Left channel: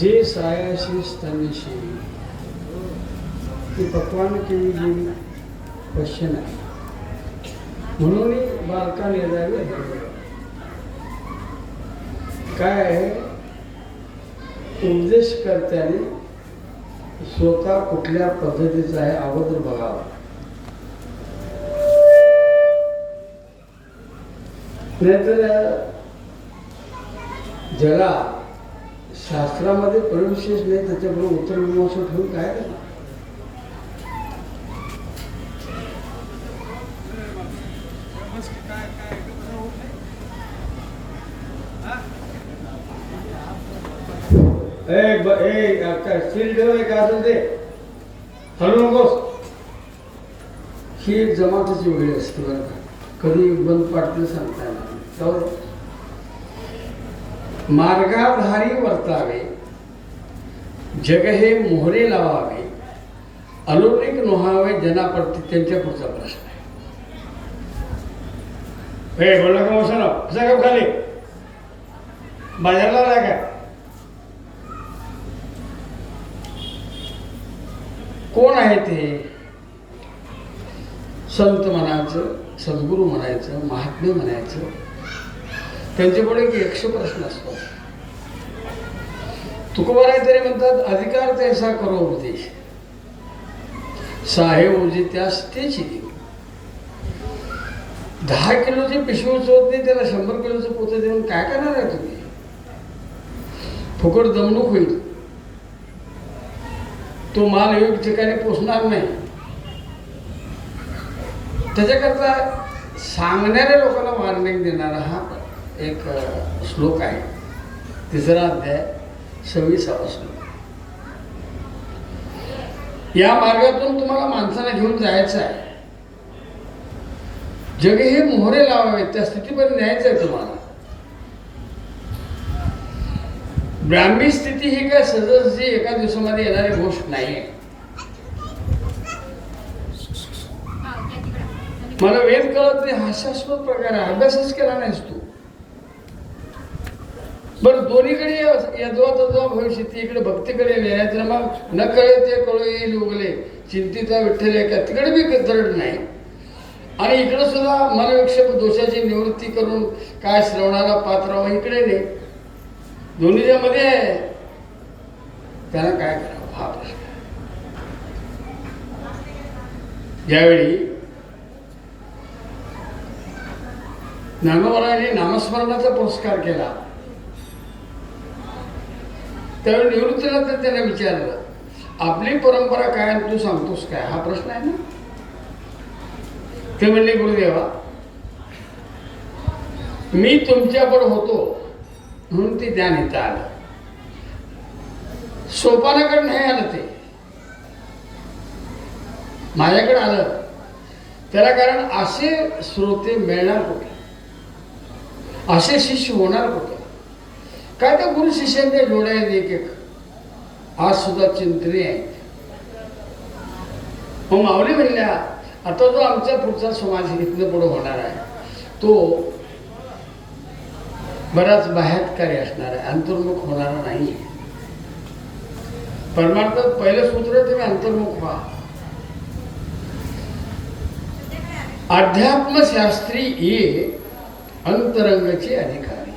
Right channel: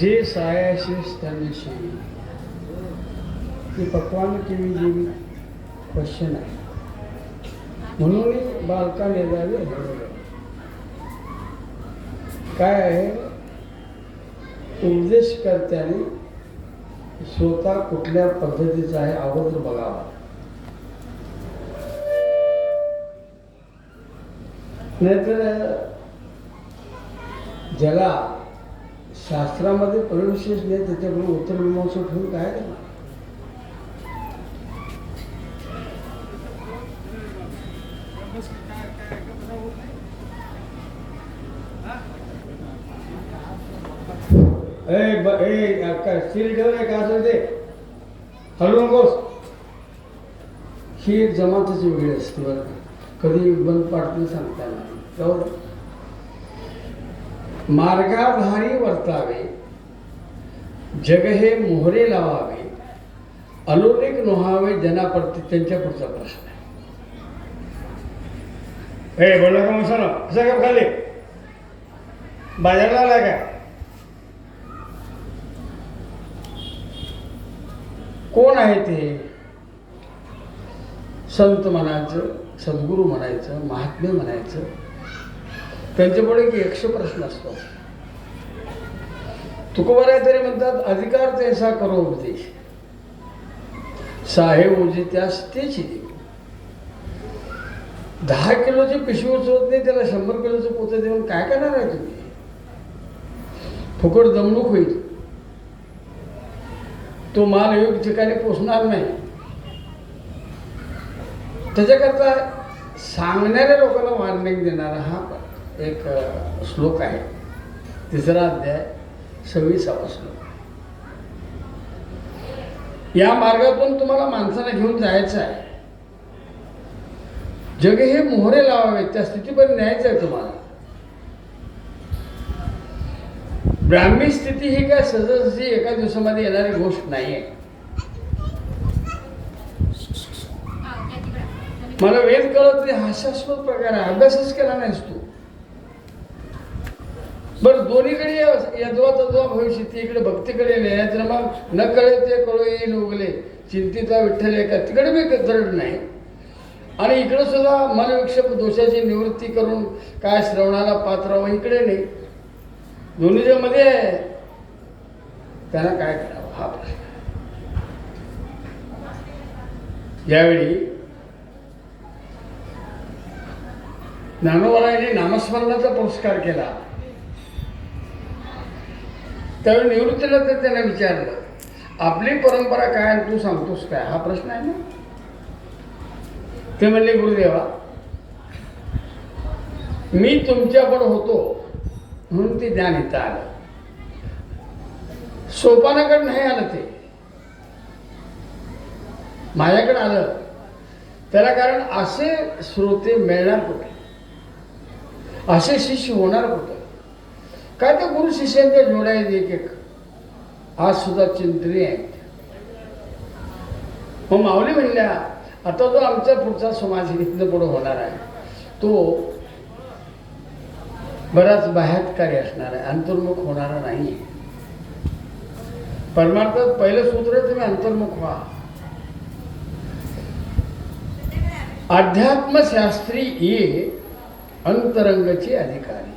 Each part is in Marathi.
जे सायाशी स्तनशी ती पक्वान केली गेली क्वेश्चन आहे. म्हणून बालका नेदावे हरवलं. काय आहे, उपदेशकर्त्याने स्वतः कुठल्या पद्धतीचा आहे अगोदर बघावा. नाहीतर ज्याला शास्त्रामध्ये प्रविशेष नाही त्याच्याकडे उत्तर मीमांसा ठेवून काय करणार. सील ठेव का असेल ते हलू नकोस. ही एक जमातच वेगळी असते बरं का. कधी बंद पाडतं सांगता येणार. मार्गाधारी वर्तावे, जग हे मोहरे लावावे, अलौकिक नोहावे जनाप्रती. त्यांच्या पुढचा प्रश्न आहे. बोलला का मसाला कसा का खाली बाजारला लागला का. कोण आहे ते? संत म्हणायचं, सद्गुरू म्हणायचं, महात्मे म्हणायचं. त्यांच्यापुढे एक 100 प्रश्न असतो. तुकोबाराय तरी म्हणतात, अधिकार तैसा करो उपदेश, साहेब उजे त्यास तेची देऊ. 10 किलोची पिशवी उचलत नाही, त्याला 100 किलोचं पोतं देऊन काय करणार आहे तुम्ही? फुकट दमणूक होईल. तो माल योग्य ठिकाणी पोचणार नाही. त्याच्याकरता सांगणाऱ्या लोकांना वॉर्निंग देणारा हा एक श्लोक आहे. 3रा अध्याय 26वा श्लोक. या मार्गातून तुम्हाला माणसाला घेऊन जायचं आहे. जग हे मोहरे लावावे, त्या स्थितीपर्यंत न्यायचं आहे तुम्हाला. ब्राह्मी स्थिती ही काय सहजासहजी एका दिवसामध्ये येणारी गोष्ट नाही आहे. मला वेद कळत नाही, हास्यास्पद प्रकार आहे. अभ्यासच केला नाहीस तू. बरं, दोन्हीकडे यद्वा तद्वा भविष्य, इकडे भक्तीकडे नाही तर मग न कळे ते कळो येईल उगले, चिंतिता विठ्ठल एका. तिकडे बी दरड नाही आणि इकडे सुद्धा मनविक्षेप दोषाची निवृत्ती करून काय श्रवणाला पात्र व इकडे नाही. दोन्हीच्या मध्ये त्यांना काय करावं हा प्रश्न. यावेळी ज्ञानोबारायांनी नामस्मरणाचा पुरस्कार केला. त्यावेळी निवृत्तीला तर त्यांना विचारलं, आपली परंपरा काय तू सांगतोस काय, हा प्रश्न आहे ना. ते म्हणले, गुरुदेवा मी तुमच्याकडे होतो म्हणून ते ज्ञान इथं आलं. सोपानाकडे नाही आलं, ते माझ्याकडे आलं. त्याला कारण असे श्रोते मिळणार कुठे, असे शिष्य होणार कुठे. काय त्या गुरु शिष्यांच्या जोड्या आहेत एक एक, आज सुद्धा चिंतनी आहेत. मग माऊली म्हणल्या, आता जो आमचा पुढचा समाज इथनं पुढे होणार आहे तो बराच बाह्यकारी असणार आहे, अंतर्मुख होणारा नाही. परमार्थात पहिलं सूत्र तुम्ही अंतर्मुख व्हा. अध्यात्मशास्त्री ये अंतरंगाचे अधिकारी.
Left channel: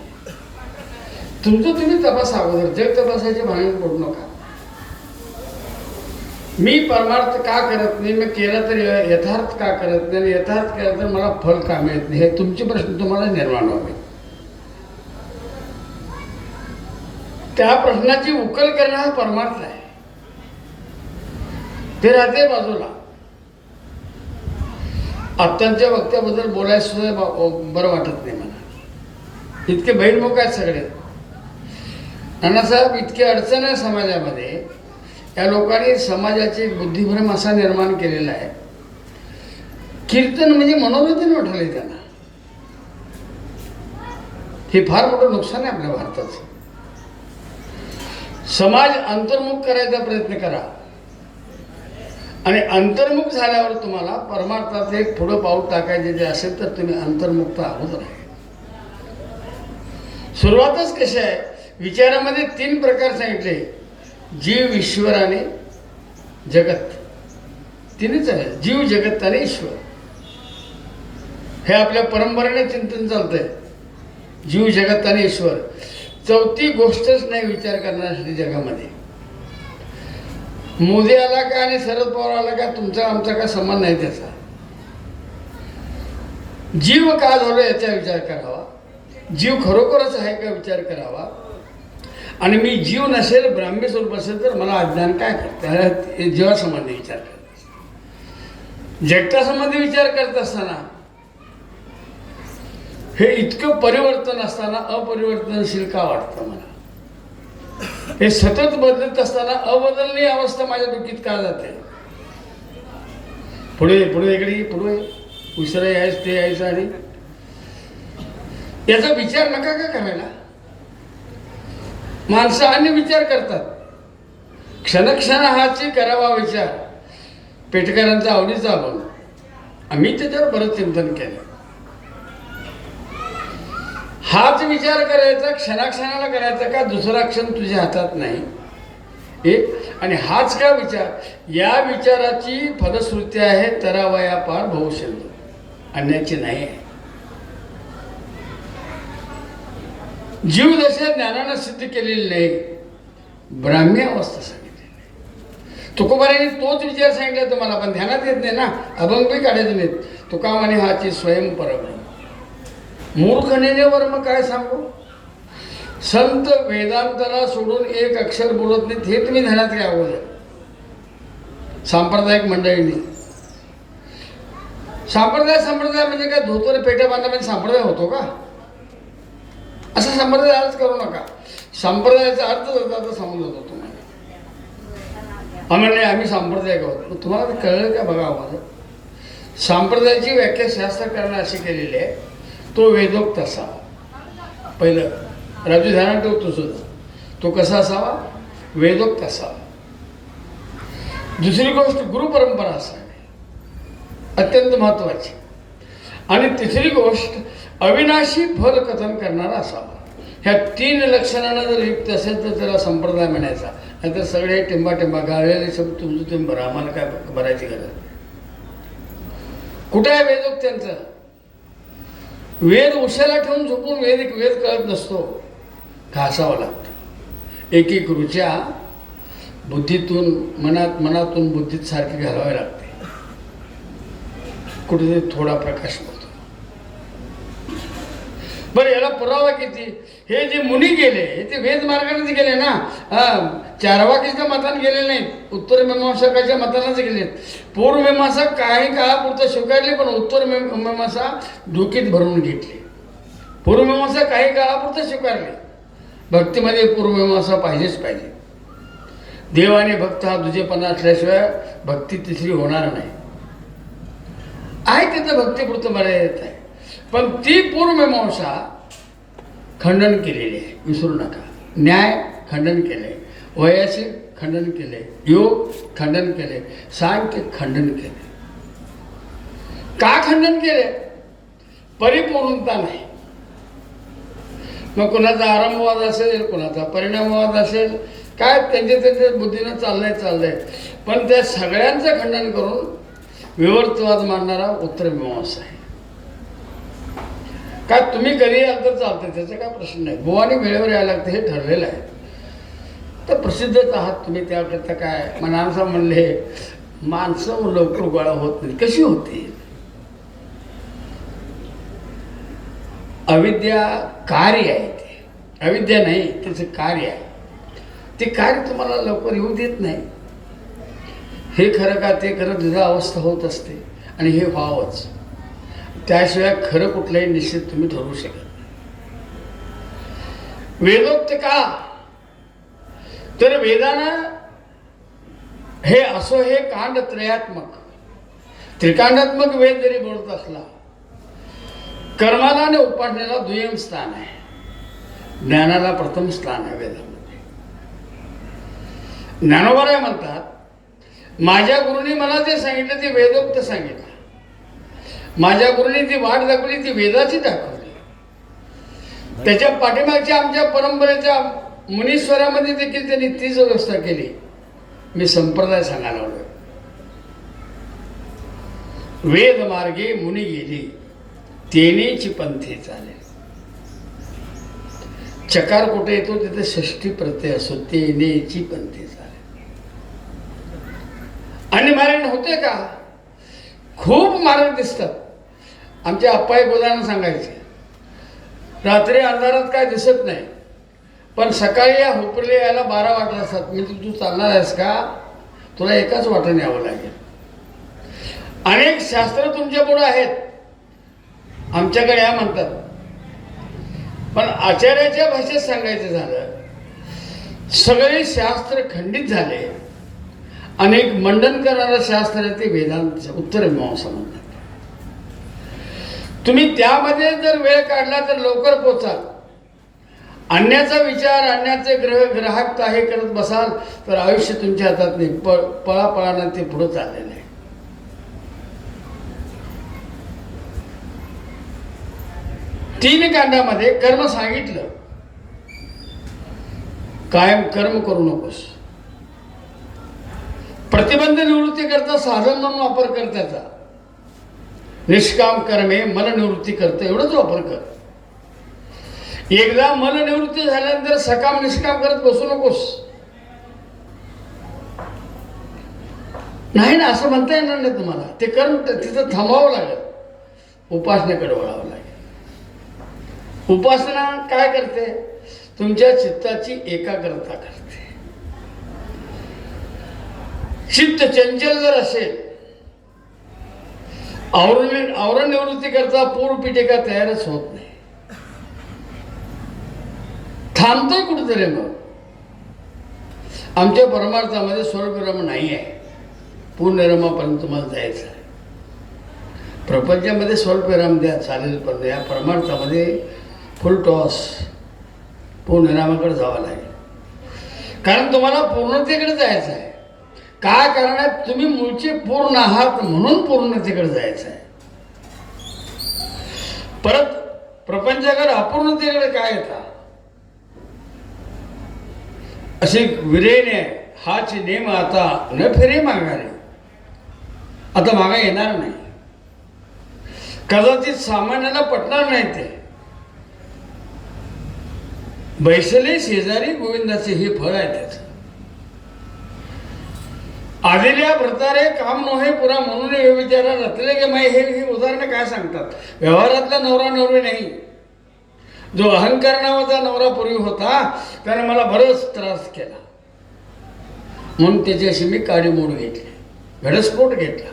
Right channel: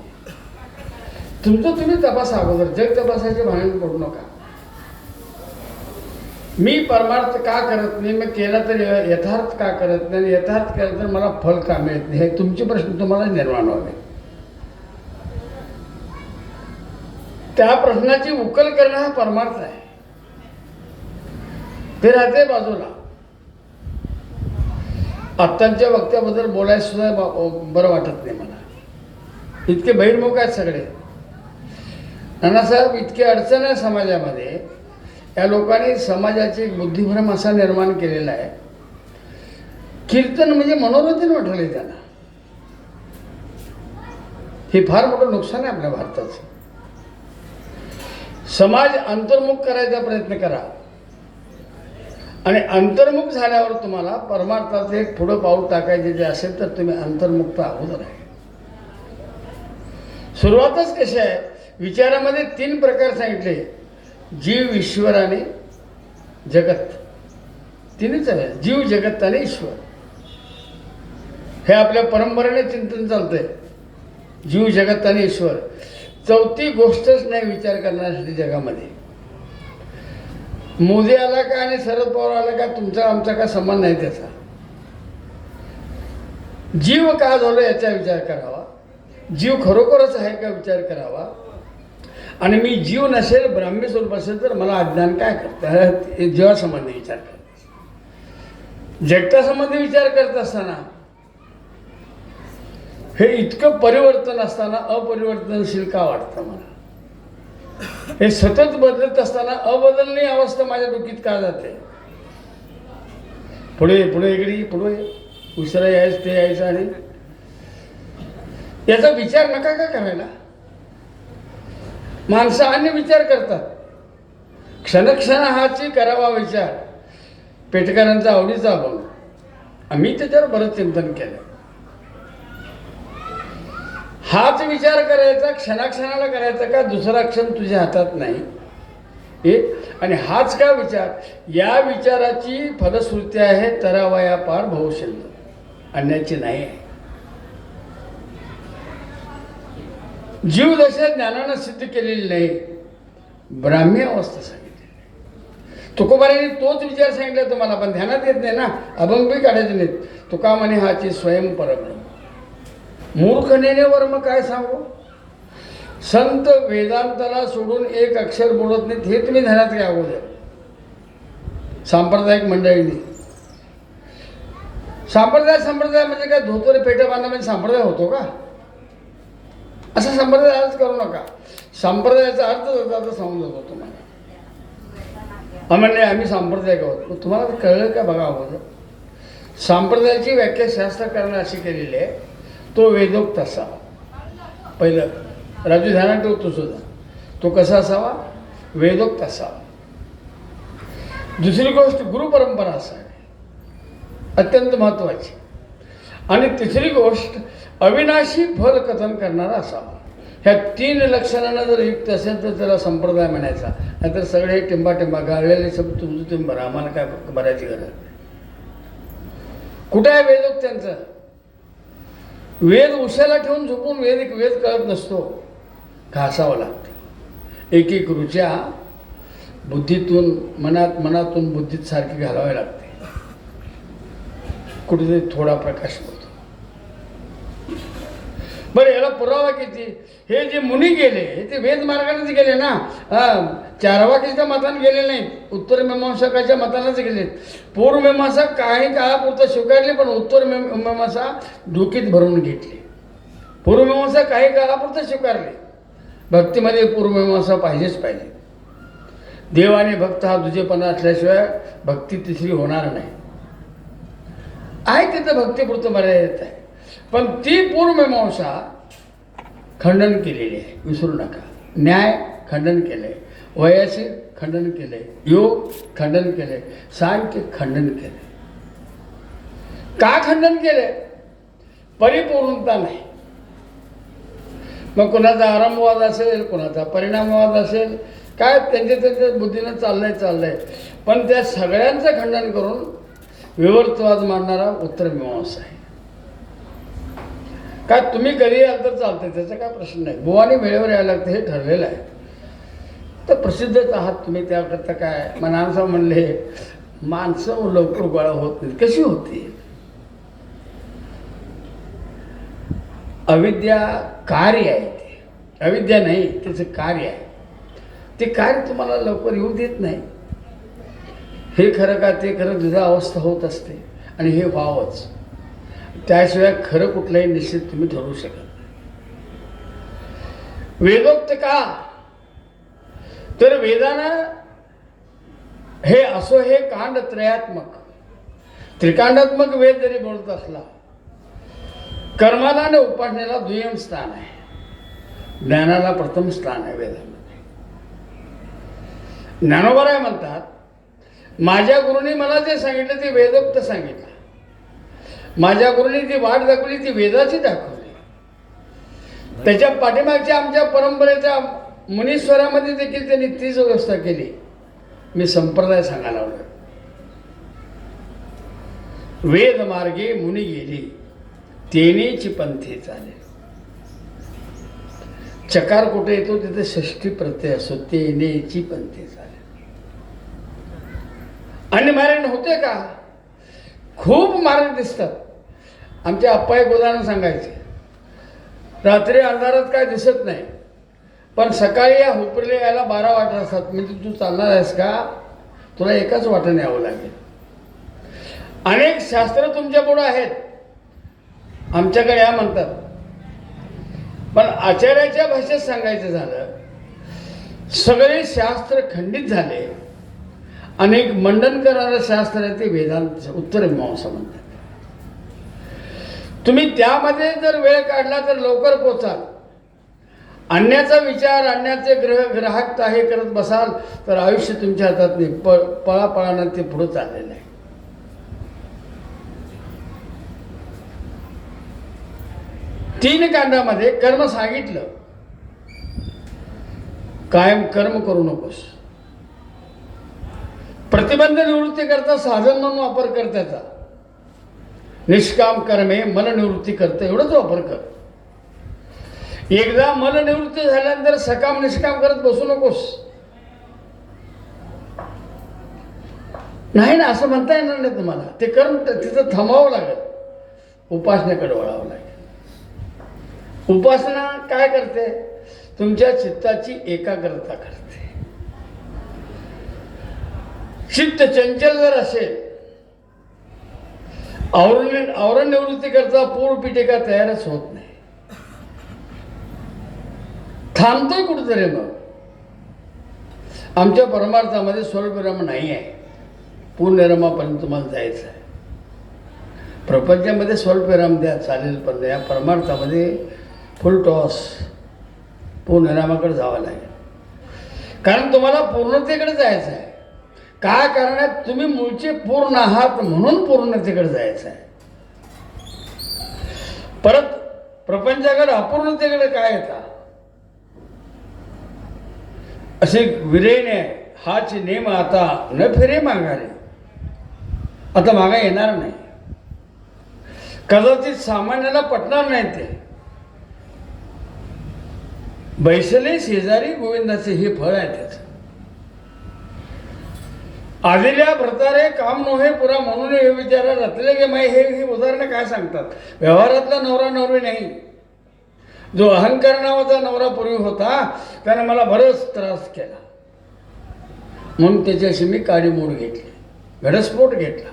तुमचं तुम्ही तपासा अगोदर. जग तपासायचे भांडण पडू नका. मी परमार्थ का करत नाही, मग केला तर यथार्थ का करत नाही, यथार्थ केला तर मला फल का मिळत नाही, हे तुमचे प्रश्न तुम्हाला निर्माण व्हावे. त्या प्रश्नाची उकल करणं हा परमार्थ आहे. ते राहते बाजूला. आत्ताच्या वक्त्याबद्दल बोलायचं सुद्धा बरं वाटत नाही मला. इतके बहिर्मुख आहेत सगळे. नानासाहेब, इतकी अडचण आहे समाजामध्ये. या लोकांनी समाजाचे बुद्धिभ्रम असा निर्माण केलेला आहे. कीर्तन म्हणजे मनोरंजन वाटले त्यांना. हे फार मोठं नुकसान आहे आपल्या भारताचं. समाज अंतर्मुख करायचा प्रयत्न करा आणि अंतर्मुख झाल्यावर तुम्हाला परमार्थाचे एक पुढं पाऊल टाकायचे जे असेल तर तुम्ही अंतर्मुक्त अगोदर आहे. सुरुवातच कशी आहे, विचारामध्ये 3 प्रकार सांगितले, जीव, ईश्वर आणि जगत. 3च आहे, जीव, जगत आणि ईश्वर. हे आपल्या परंपरेने चिंतन चालतंय, जीव, जगत आणि ईश्वर. 4थी गोष्टच नाही विचार करण्यासाठी जगामध्ये. मोदी आला का आणि शरद पवार आला का तुमचा आमचा का संबंध नाही त्याचा. जीव का झालो याचा विचार करावा, जीव खरोखरच आहे का विचार करावा. आणि मी जीव नसेल, ब्राह्मी स्वरूप असेल तर मला अज्ञान काय करते, जीवासंबंधी विचार करत, जगतासंबंधी विचार करत असताना हे इतकं परिवर्तन असताना अपरिवर्तनशील का वाटतं मला. हे सतत बदलत असताना अबदलनीय अवस्था माझ्या डोकीत का जाते. पुढे पुढे इकडे पुढे विसरा यायचं ते यायचं आणि याचा विचार नका का करायला. माणसं अन्य विचार करतात. क्षणक्षण हाची करावा विचार. पेटकरांचा आवडीचा बन. आम्ही त्याच्यावर बरंच चिंतन केलं. हाच विचार करायचा, क्षणाक्षणाला करायचा का दुसरा क्षण तुझ्या हातात नाही एक. आणि हाच का विचार, या विचाराची फलश्रुती आहे तरावया पार भवशल्य, अन्याची नाही आहे. जीवदशा ज्ञानानं सिद्ध केलेली नाही, ब्राह्मी अवस्था सांगितलेली नाही. तुकोबारांनी तोच विचार सांगितला तुम्हाला, पण ध्यानात येत नाही ना, अभंगही काढायचे नाहीत. तुका म्हणे हाची स्वयं परब्रह्म. मूर्खनेने वर्म काय सांगू. संत वेदांताला सोडून एक अक्षर बोलत नाहीत, हे तुम्ही ध्यानात घ्या अगोदर. सांप्रदायिक मंडळींनी संप्रदाय म्हणजे काय, धोतर पेट्या बांधण्यामध्ये संप्रदाय होतो का. असा संप्रदाय अर्थ करू नका. संप्रदायाचा अर्थ आता समजत होतो नाही. म्हणले आम्ही संप्रदाय आहोत, तुम्हाला ते कळलं का बघा अगोदर. संप्रदायाची व्याख्या शास्त्रकारांना अशी केलेली आहे, तो वेदोक्त असावा. पहिलं राजू ध्यानात ठेवतो सुद्धा, तो कसा असावा, वेदोक्त असावा. दुसरी गोष्ट गुरुपरंपरा असावी, अत्यंत महत्वाची. आणि तिसरी गोष्ट अविनाशी फल कथन करणारा असावा. ह्या 3 लक्षणांना जर युक्त असेल तर त्याला संप्रदाय म्हणायचा. नाहीतर सगळे टिंबा गाळलेले शब्द तुमचं तुम्ही भरा, आम्हाला काय भरायची गरज नाही. कुठे आहे वेदोक्त्यांचं. वेद उशाला ठेवून झोपून वेद कळत नसतो, घासावं लागतं. एक रुच्या बुद्धीतून मनातून बुद्धीत सारखी घालावी लागते. कुठेतरी थोडा प्रकाश होतो. बरं याला पुरावा किती. हे जे मुनी गेले ते वेद मार्गानेच गेले ना. चारवाकीच्या मताने गेले नाहीत, उत्तर मीमांसकाच्या मतानेच गेलेत. पूर्व मीमांसा काही काळापुरतं स्वीकारली, पण उत्तर मीमांसा डोकीत भरून घेतली. पूर्व मीमांसा काही काळापुरतं स्वीकारली. भक्तीमध्ये पूर्व मीमांसा पाहिजेच पाहिजे. देव आणि भक्त हा दुजेपणा असल्याशिवाय भक्ती तिसरी होणार नाही. आहे तिथं भक्तीपुरतं मर्यादित आहे, पण ती पूर्व मीमांसा खंडन केलेली आहे, विसरू नका. न्याय खंडन केले, वयाचे खंडन केले, योग खंडन केले, सांख्य खंडन केले. का खंडन केले. परिपूर्णता नाही. मग कोणाचा आरंभवाद असेल, कोणाचा परिणामवाद असेल, काय त्यांच्या बुद्धीनं चाललंय. पण त्या सगळ्यांचं खंडन करून विवर्तवाद मांडणारा उत्तर मीमांसा आहे. काय तुम्ही कधी याल तर चालतंय, त्याचा काय प्रश्न नाही. बुवानी वेळेवर यायला लागतं, हे ठरलेलं आहे. तर प्रसिद्धच आहात तुम्ही, त्याकरता काय मनांसा म्हणले माणसं लवकर गोळा होत नाही. कशी होती. अविद्या कार्य आहे, ते अविद्या नाही, त्याचं कार्य आहे. ते कार्य तुम्हाला लवकर येऊ देत नाही. हे खरं का ते खरं दुधा अवस्था होत असते, आणि हे व्हावंच. त्याशिवाय खरं कुठलंही निश्चित तुम्ही ठरवू शकत नाही. वेदोक्त का. तर वेदानं हे असो, हे कांड त्रयात्मक त्रिकांडात्मक वेद जरी बोलत असला, कर्माला आणि उपासनेला दुय्यम स्थान आहे, ज्ञानाला प्रथम स्थान आहे वेदामध्ये. ज्ञानोबराय म्हणतात, माझ्या गुरुनी मला जे सांगितलं ते वेदोक्त सांगितलं. माझ्या गुरुनी ती वाट दाखवली, ती वेदाची दाखवली. त्याच्या पाठीमागच्या आमच्या परंपरेचा मुनीश्वरामध्ये देखील त्यांनी तीच व्यवस्था केली. मी संप्रदाय सांगायला लागलोय. वेद मार्गे मुनी गेली, तेनेची पंथी चाले. चकार कुठे येतो तिथे षष्ठी प्रत्यय असतो. तेनेची पंथी चाले. आणि मारण होते का? खूप मारण दिसतात. आमचे आप्पा एक उदाहरण सांगायचे. रात्री अंधारात काय दिसत नाही, पण सकाळी या हुपले यायला 12 वाटा असतात. म्हणजे तू चालणार आहेस का, तुला एकाच वाटेने यावं लागेल. अनेक शास्त्र तुमच्या पुढे आहेत, आमच्याकडे या म्हणतात. पण आचार्याच्या भाषेत सांगायचं झालं, सगळे शास्त्र खंडित झाले. अनेक मंडन करणारं शास्त्र आहे ते वेदांत उत्तर मीमांसा म्हणतात. तुम्ही त्यामध्ये जर वेळ काढला तर लवकर पोचाल. आणण्याचा विचार, आणण्याचे ग्राहक हे करत बसाल तर आयुष्य तुमच्या हातात नाही. पळापळानं ते पुढे चाललेलं आहे. तीन कांडामध्ये कर्म सांगितलं. कायम कर्म करू नकोस. प्रतिबंध निवृत्ती करता साधन म्हणून वापर कर त्याचा. निष्काम कर्मे मन निवृत्ती करतं एवढंच वापर कर. एकदा मन निवृत्ती झाल्यानंतर सकाम निष्काम करत बसू नकोस. नाही ना, असं म्हणता येणार नाही तुम्हाला. ते कर्म तिथं थांबावं लागेल. उपासनेकडे वळावं लागेल. उपासना काय करते? तुमच्या चित्ताची एकाग्रता करते. चित्त चंचल जर असेल, आवरण निवृत्ती करता पूर्ण पिटिका तयारच होत नाही. थांबतोय कुठेतरी. मग आमच्या परमार्थामध्ये स्वर्गविराम नाही आहे. पूर्णविरामापर्यंत तुम्हाला जायचं आहे. प्रपंचामध्ये स्वल्पविराम द्या चालेल, पण या परमार्थामध्ये फुल टॉस पूर्णविरामाकडे जावं लागेल. कारण तुम्हाला पूर्णतेकडे जायचं आहे. काय करण्यात तुम्ही मूळचे पूर्ण आहात म्हणून पूर्णतेकडे जायचं आहे. परत प्रपंचाकडे अपूर्णतेकडे काय येतात? असे विरेने हाच नेम आता न फिरे माघारे. आता मागा येणार नाही. कदाचित सामान्याला पटणार नाही ते. बैसले शेजारी गोविंदाचे हे फळ आहे त्याचं. आदिल्या भ्रतारे काम नव्हे पुरा म्हणून हे विचारा रचले गे माई. हे उदाहरणं काय सांगतात? व्यवहारातला नवरा नवरी नाही. जो अहंकार नावाचा नवरा पूर्वी होता त्याने मला बरंच त्रास केला, म्हणून त्याच्याशी मी काडीमोड घेतली, घटस्फोट घेतला.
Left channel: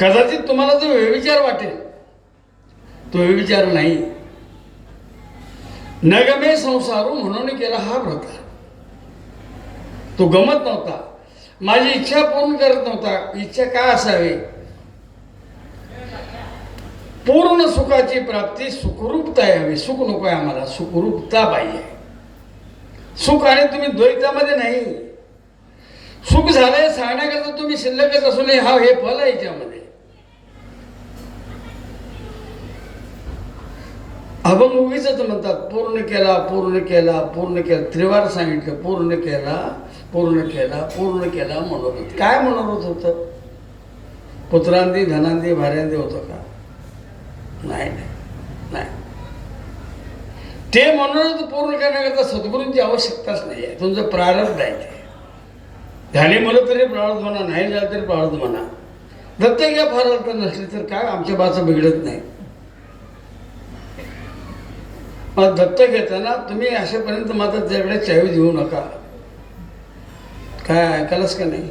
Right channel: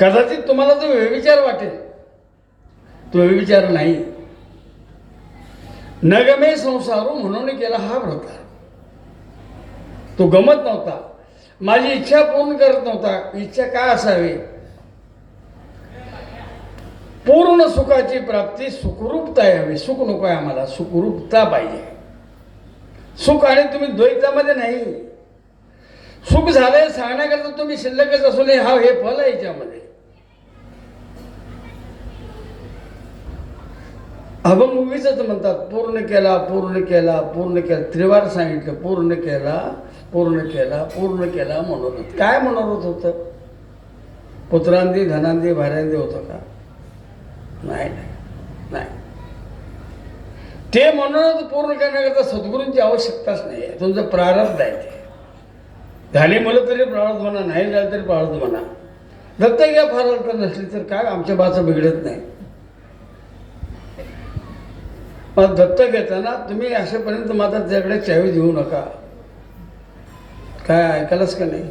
कदाचित तुम्हाला जो व्यभिचार वाटेल तो व्यभिचार नाही. न गमे संसारू म्हणून केला हा प्रकार. तो गमत नव्हता. माझी इच्छा पूर्ण करत नव्हता. इच्छा काय असावी? पूर्ण सुखाची प्राप्ती, सुखरूपता यावी. सुख नको आहे आम्हाला, सुखरूपता पाहिजे. सुख आणि तुम्ही द्वैतामध्ये नाही. सुख झालंय सांगण्याकरता तुम्ही शिल्लकच असू नये. हा हे फल आहे याच्यामध्ये. अभंग उगीच म्हणतात पूर्ण केला, पूर्ण केला, पूर्ण केला. त्रिवार सांगितलं पूर्ण केला, पूर्ण केला, पूर्ण केला म्हणून. काय म्हणत होतं? पुत्रांदी धनांदी भाऱ्यांदी होतं का? नाही नाही नाही. ते म्हणून पूर्ण करण्याकरता सद्गुरूंची आवश्यकताच नाही आहे. तुमचं प्रारब्ध आहे. ते झाले म्हणलं तरी प्रारब्ध म्हणा, नाही झालं तरी प्रारब्ध म्हणा. दत्त घ्या फार अर्थ नसली तर काय, आमच्या बाचं बिघडत नाही. मग दत्त घेताना तुम्ही अशापर्यंत मात्र त्याकडे चावी देऊ नका. काय ऐकायलाच का नाही?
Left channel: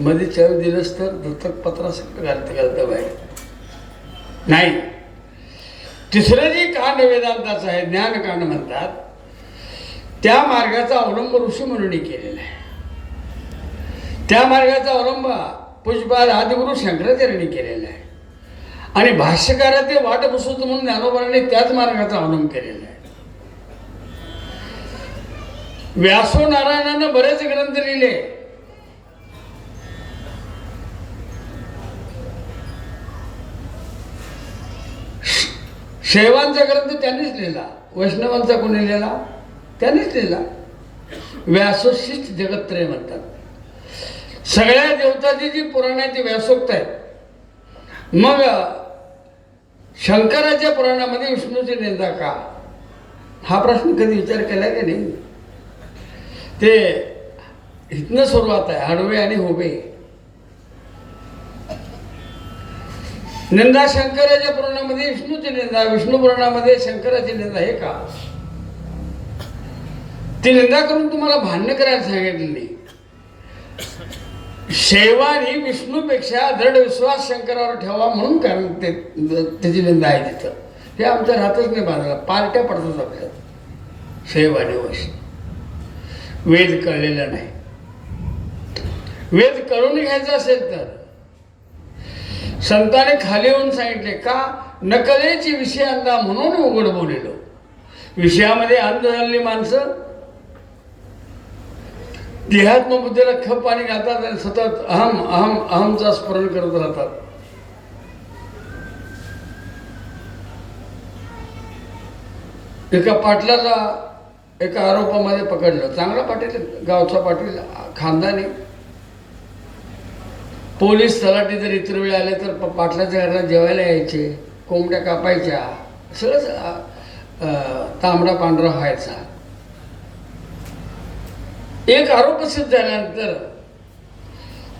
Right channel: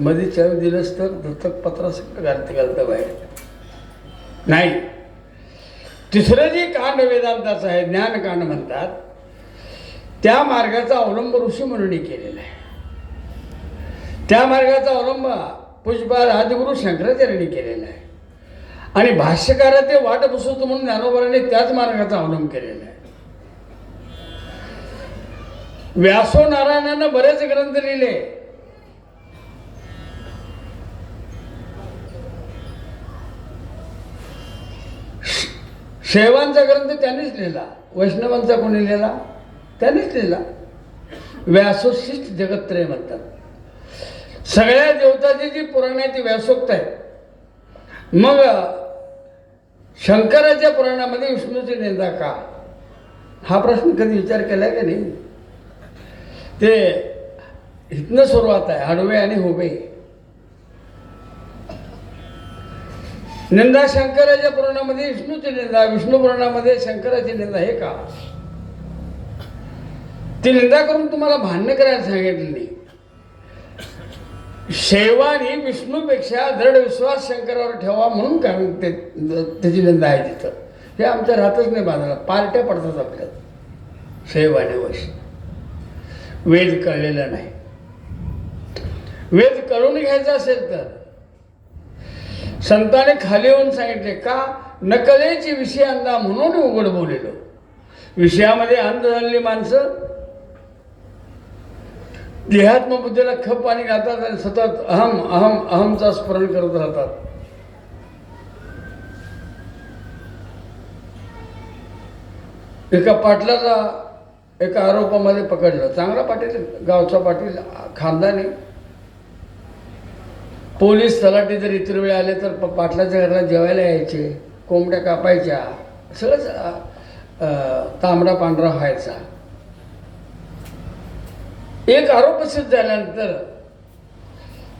मध्ये चावी दिलंच तर दत्तक पत्रा सगळं घालता बाहेर नाही. तिसरं जे कांड वेदांताचं आहे, ज्ञानकांड म्हणतात, त्या मार्गाचा अवलंब ऋषी मुनींनी केलेला आहे. त्या मार्गाचा अवलंब पूज्यपाद आदिगुरु शंकराचार्यांनी केलेला आहे. आणि भाष्यकार ते वाट बसवतो म्हणून ज्ञानोबाने त्याच मार्गाचा अवलंब केलेला आहे. व्यासो नारायणानं बरेच ग्रंथ लिहिले. शैवांचा ग्रंथ त्यांनीच लिहिला. वैष्णवांचा कोणी लिहिला? त्यानेच लिहिला. व्यासोशिष्ट जगत्त्रय म्हणतात. सगळ्या देवताची जी पुराण आहे ती व्यासोक्त आहेत. मग शंकराच्या पुराणामध्ये विष्णूची निंदा का, हा प्रश्न कधी विचार केला का नाही? ते इथनं सुरुवात आहे, आडवे आणि उभे. निंदा शंकराच्या पुराणामध्ये विष्णूची निंदा, विष्णू पुराणामध्ये शंकराची निंदा, हे का? ती निंदा करून तुम्हाला भांडण करायला सांगितलं नाही. शैवानी विष्णूपेक्षा दृढ विश्वास शंकरावर ठेवा म्हणून कारण त्याची निंदा आहे तिथं. हे आमच्या राहतच नाही बांधला, पार्ट्या पडतात आपल्यात शैवानी वश. वेद कळलेला नाही. वेद कळून घ्यायचा असेल तर संतांनी खाली येऊन सांगितले का, नकलेची विषय अंधा म्हणून उघड बोलेलो. विषयामध्ये अंध झालेली माणसं देहात्म बुद्धीला खप पाणी घालतात आणि सतत अहम अहम अहमचा स्मरण करत राहतात. एका पाटलाला एका आरोपामध्ये पकडलं. चांगला पाटील, गावचा पाटील, खानदानी. पोलीस तलाठी जर इतर वेळ आले तर पाटलाच्या घराला जेवायला यायचे, कोंबड्या कापायच्या, सगळंच तांबडा पांढरा व्हायचा. एक आरोप सिद्ध झाल्यानंतर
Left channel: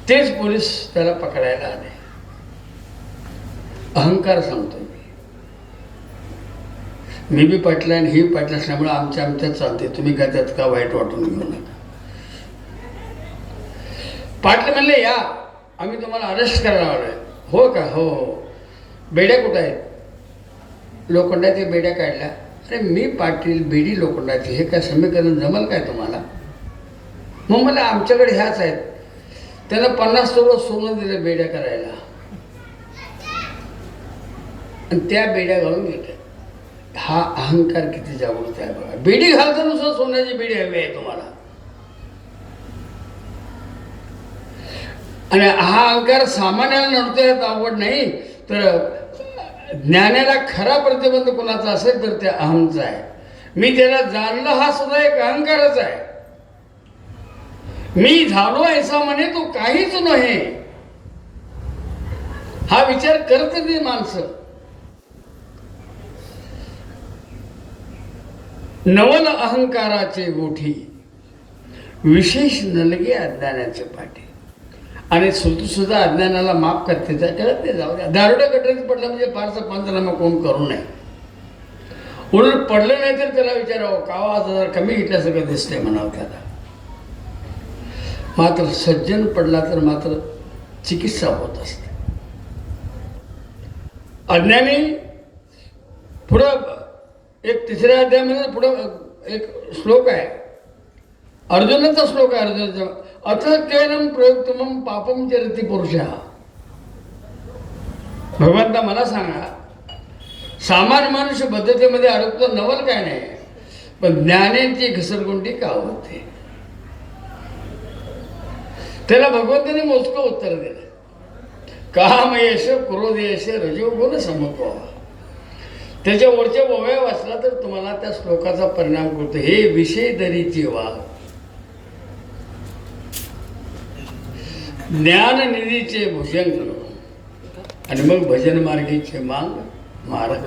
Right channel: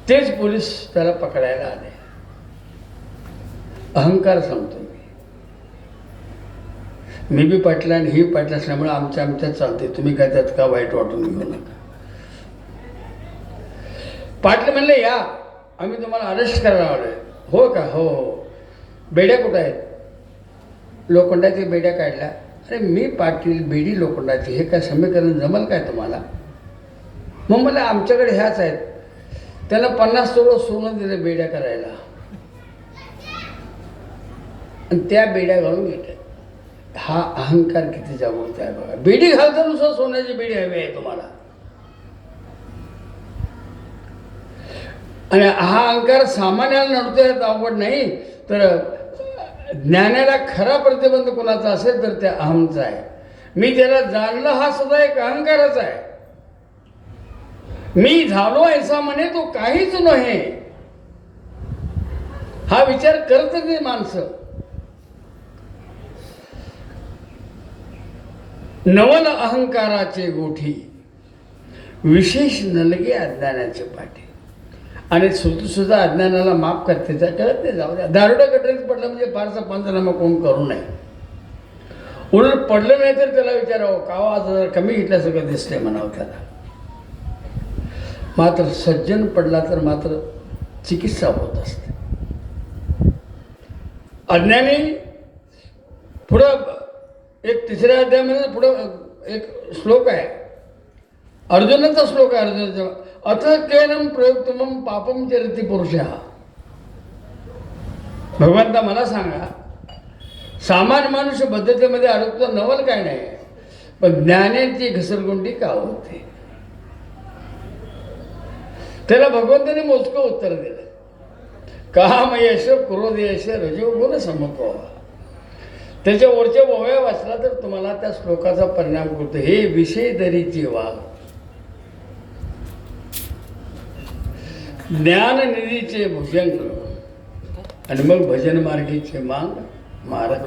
तेच पोलीस त्याला पकडायला आले. अहंकार सांगतोय मी बी पाटला आणि ही पाटला असल्यामुळे आमच्यात चालते, तुम्ही काय त्यात का वाईट वाटून घेऊ नका. पाटले म्हणले या, आम्ही तुम्हाला अरेस्ट करायला आलोय. हो का? हो हो. बेड्या कुठं आहेत? लोखंडाची बेड्या काढल्या. अरे मी पाटील, बेडी लोखंडाची, हे काय समीकरण जमल काय तुम्हाला? मग मला आमच्याकडे ह्याच आहेत. त्याला 50 तोळं सोनं दिलं बेड्या करायला आणि त्या बेड्या घालून घेतल्या. हा अहंकार किती जागृत आहे बघा. बेडी घालतो नुसतं सोन्याची बेडी हवी आहे तुम्हाला. आणि हा अहंकार सामान्याला नडतोय आवड नाही, तर ज्ञानाला खरा प्रतिबंध कोणाचा असेल तर त्या अहमचा आहे. मी त्याला जाणलं हा सुद्धा एक अहंकारच आहे. मी झालो ऐसा म्हणे तो काहीच नव्हे, हा विचार करत नाही माणसं. नवल अहंकाराचे गोठी, विशेष नलगे अज्ञानाचे पाठी. आणि श्रुती सुद्धा अज्ञानाला माफ करते, त्या कळत नाही. जाऊ द्या. दारुड्या गटरीत पडला म्हणजे फारसा पंचनामा कोण करू नये. उलट पडलं नाही तर त्याला विचारावं का आज जरा कमी घेतल्यासारखं दिसतंय म्हणावं त्याला. मात्र सज्जन पडला तर मात्र चिकित्सा होत असते. अज्ञानी पुढं एक 3ऱ्या अध्यायामध्ये पुढं एक श्लोक आहे, अर्जुनाचा श्लोक आहे. अर्जुनाचा अथ केनम प्रयोक्तमम पापम चरति पुरुषा. भगवंता मला सांगा, सामान्य मनुष्य पद्धतीमध्ये अडकतो, नवल काय नाही, पण ज्ञानाची घसरगुंडी का होते? त्याला भगवंताने मोजकं उत्तर दिलं. काम यश, क्रोध यश, रजोगुण समको. त्याच्या वरच्या ओव्या वाचला तर तुम्हाला त्या श्लोकाचा परिणाम होतो. हे विषय दरीची वाघ, ज्ञाननिधीचे भुजंग, आणि मग भजन मार्गीचे मांग मार्ग.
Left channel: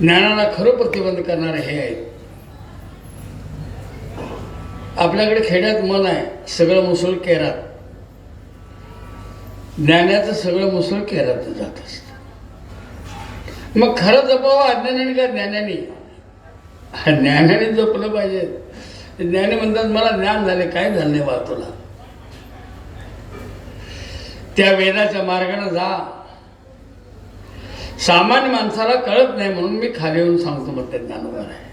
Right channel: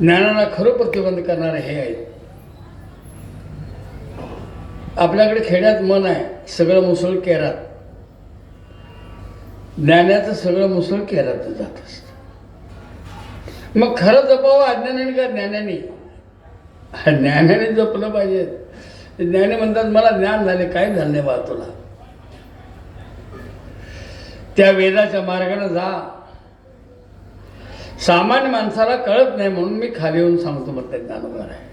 ज्ञानाला खरं प्रतिबंध करणारे हे आहेत. आपल्याकडे खेड्यात मन आहे, सगळं मुसळ केरात. ज्ञानाचं सगळं मुसळ केरात जात असतं. मग खरं जपावं अज्ञानाने का ज्ञानाने? ज्ञानाने जपलं पाहिजे. ज्ञानी म्हणतात मला ज्ञान झाले, काय झालं नाही बा तुला. त्या वेदाच्या मार्गाने जा. सामान्य माणसाला कळत नाही म्हणून मी खाली येऊन सांगतो. मग ते ज्ञानवर आहे.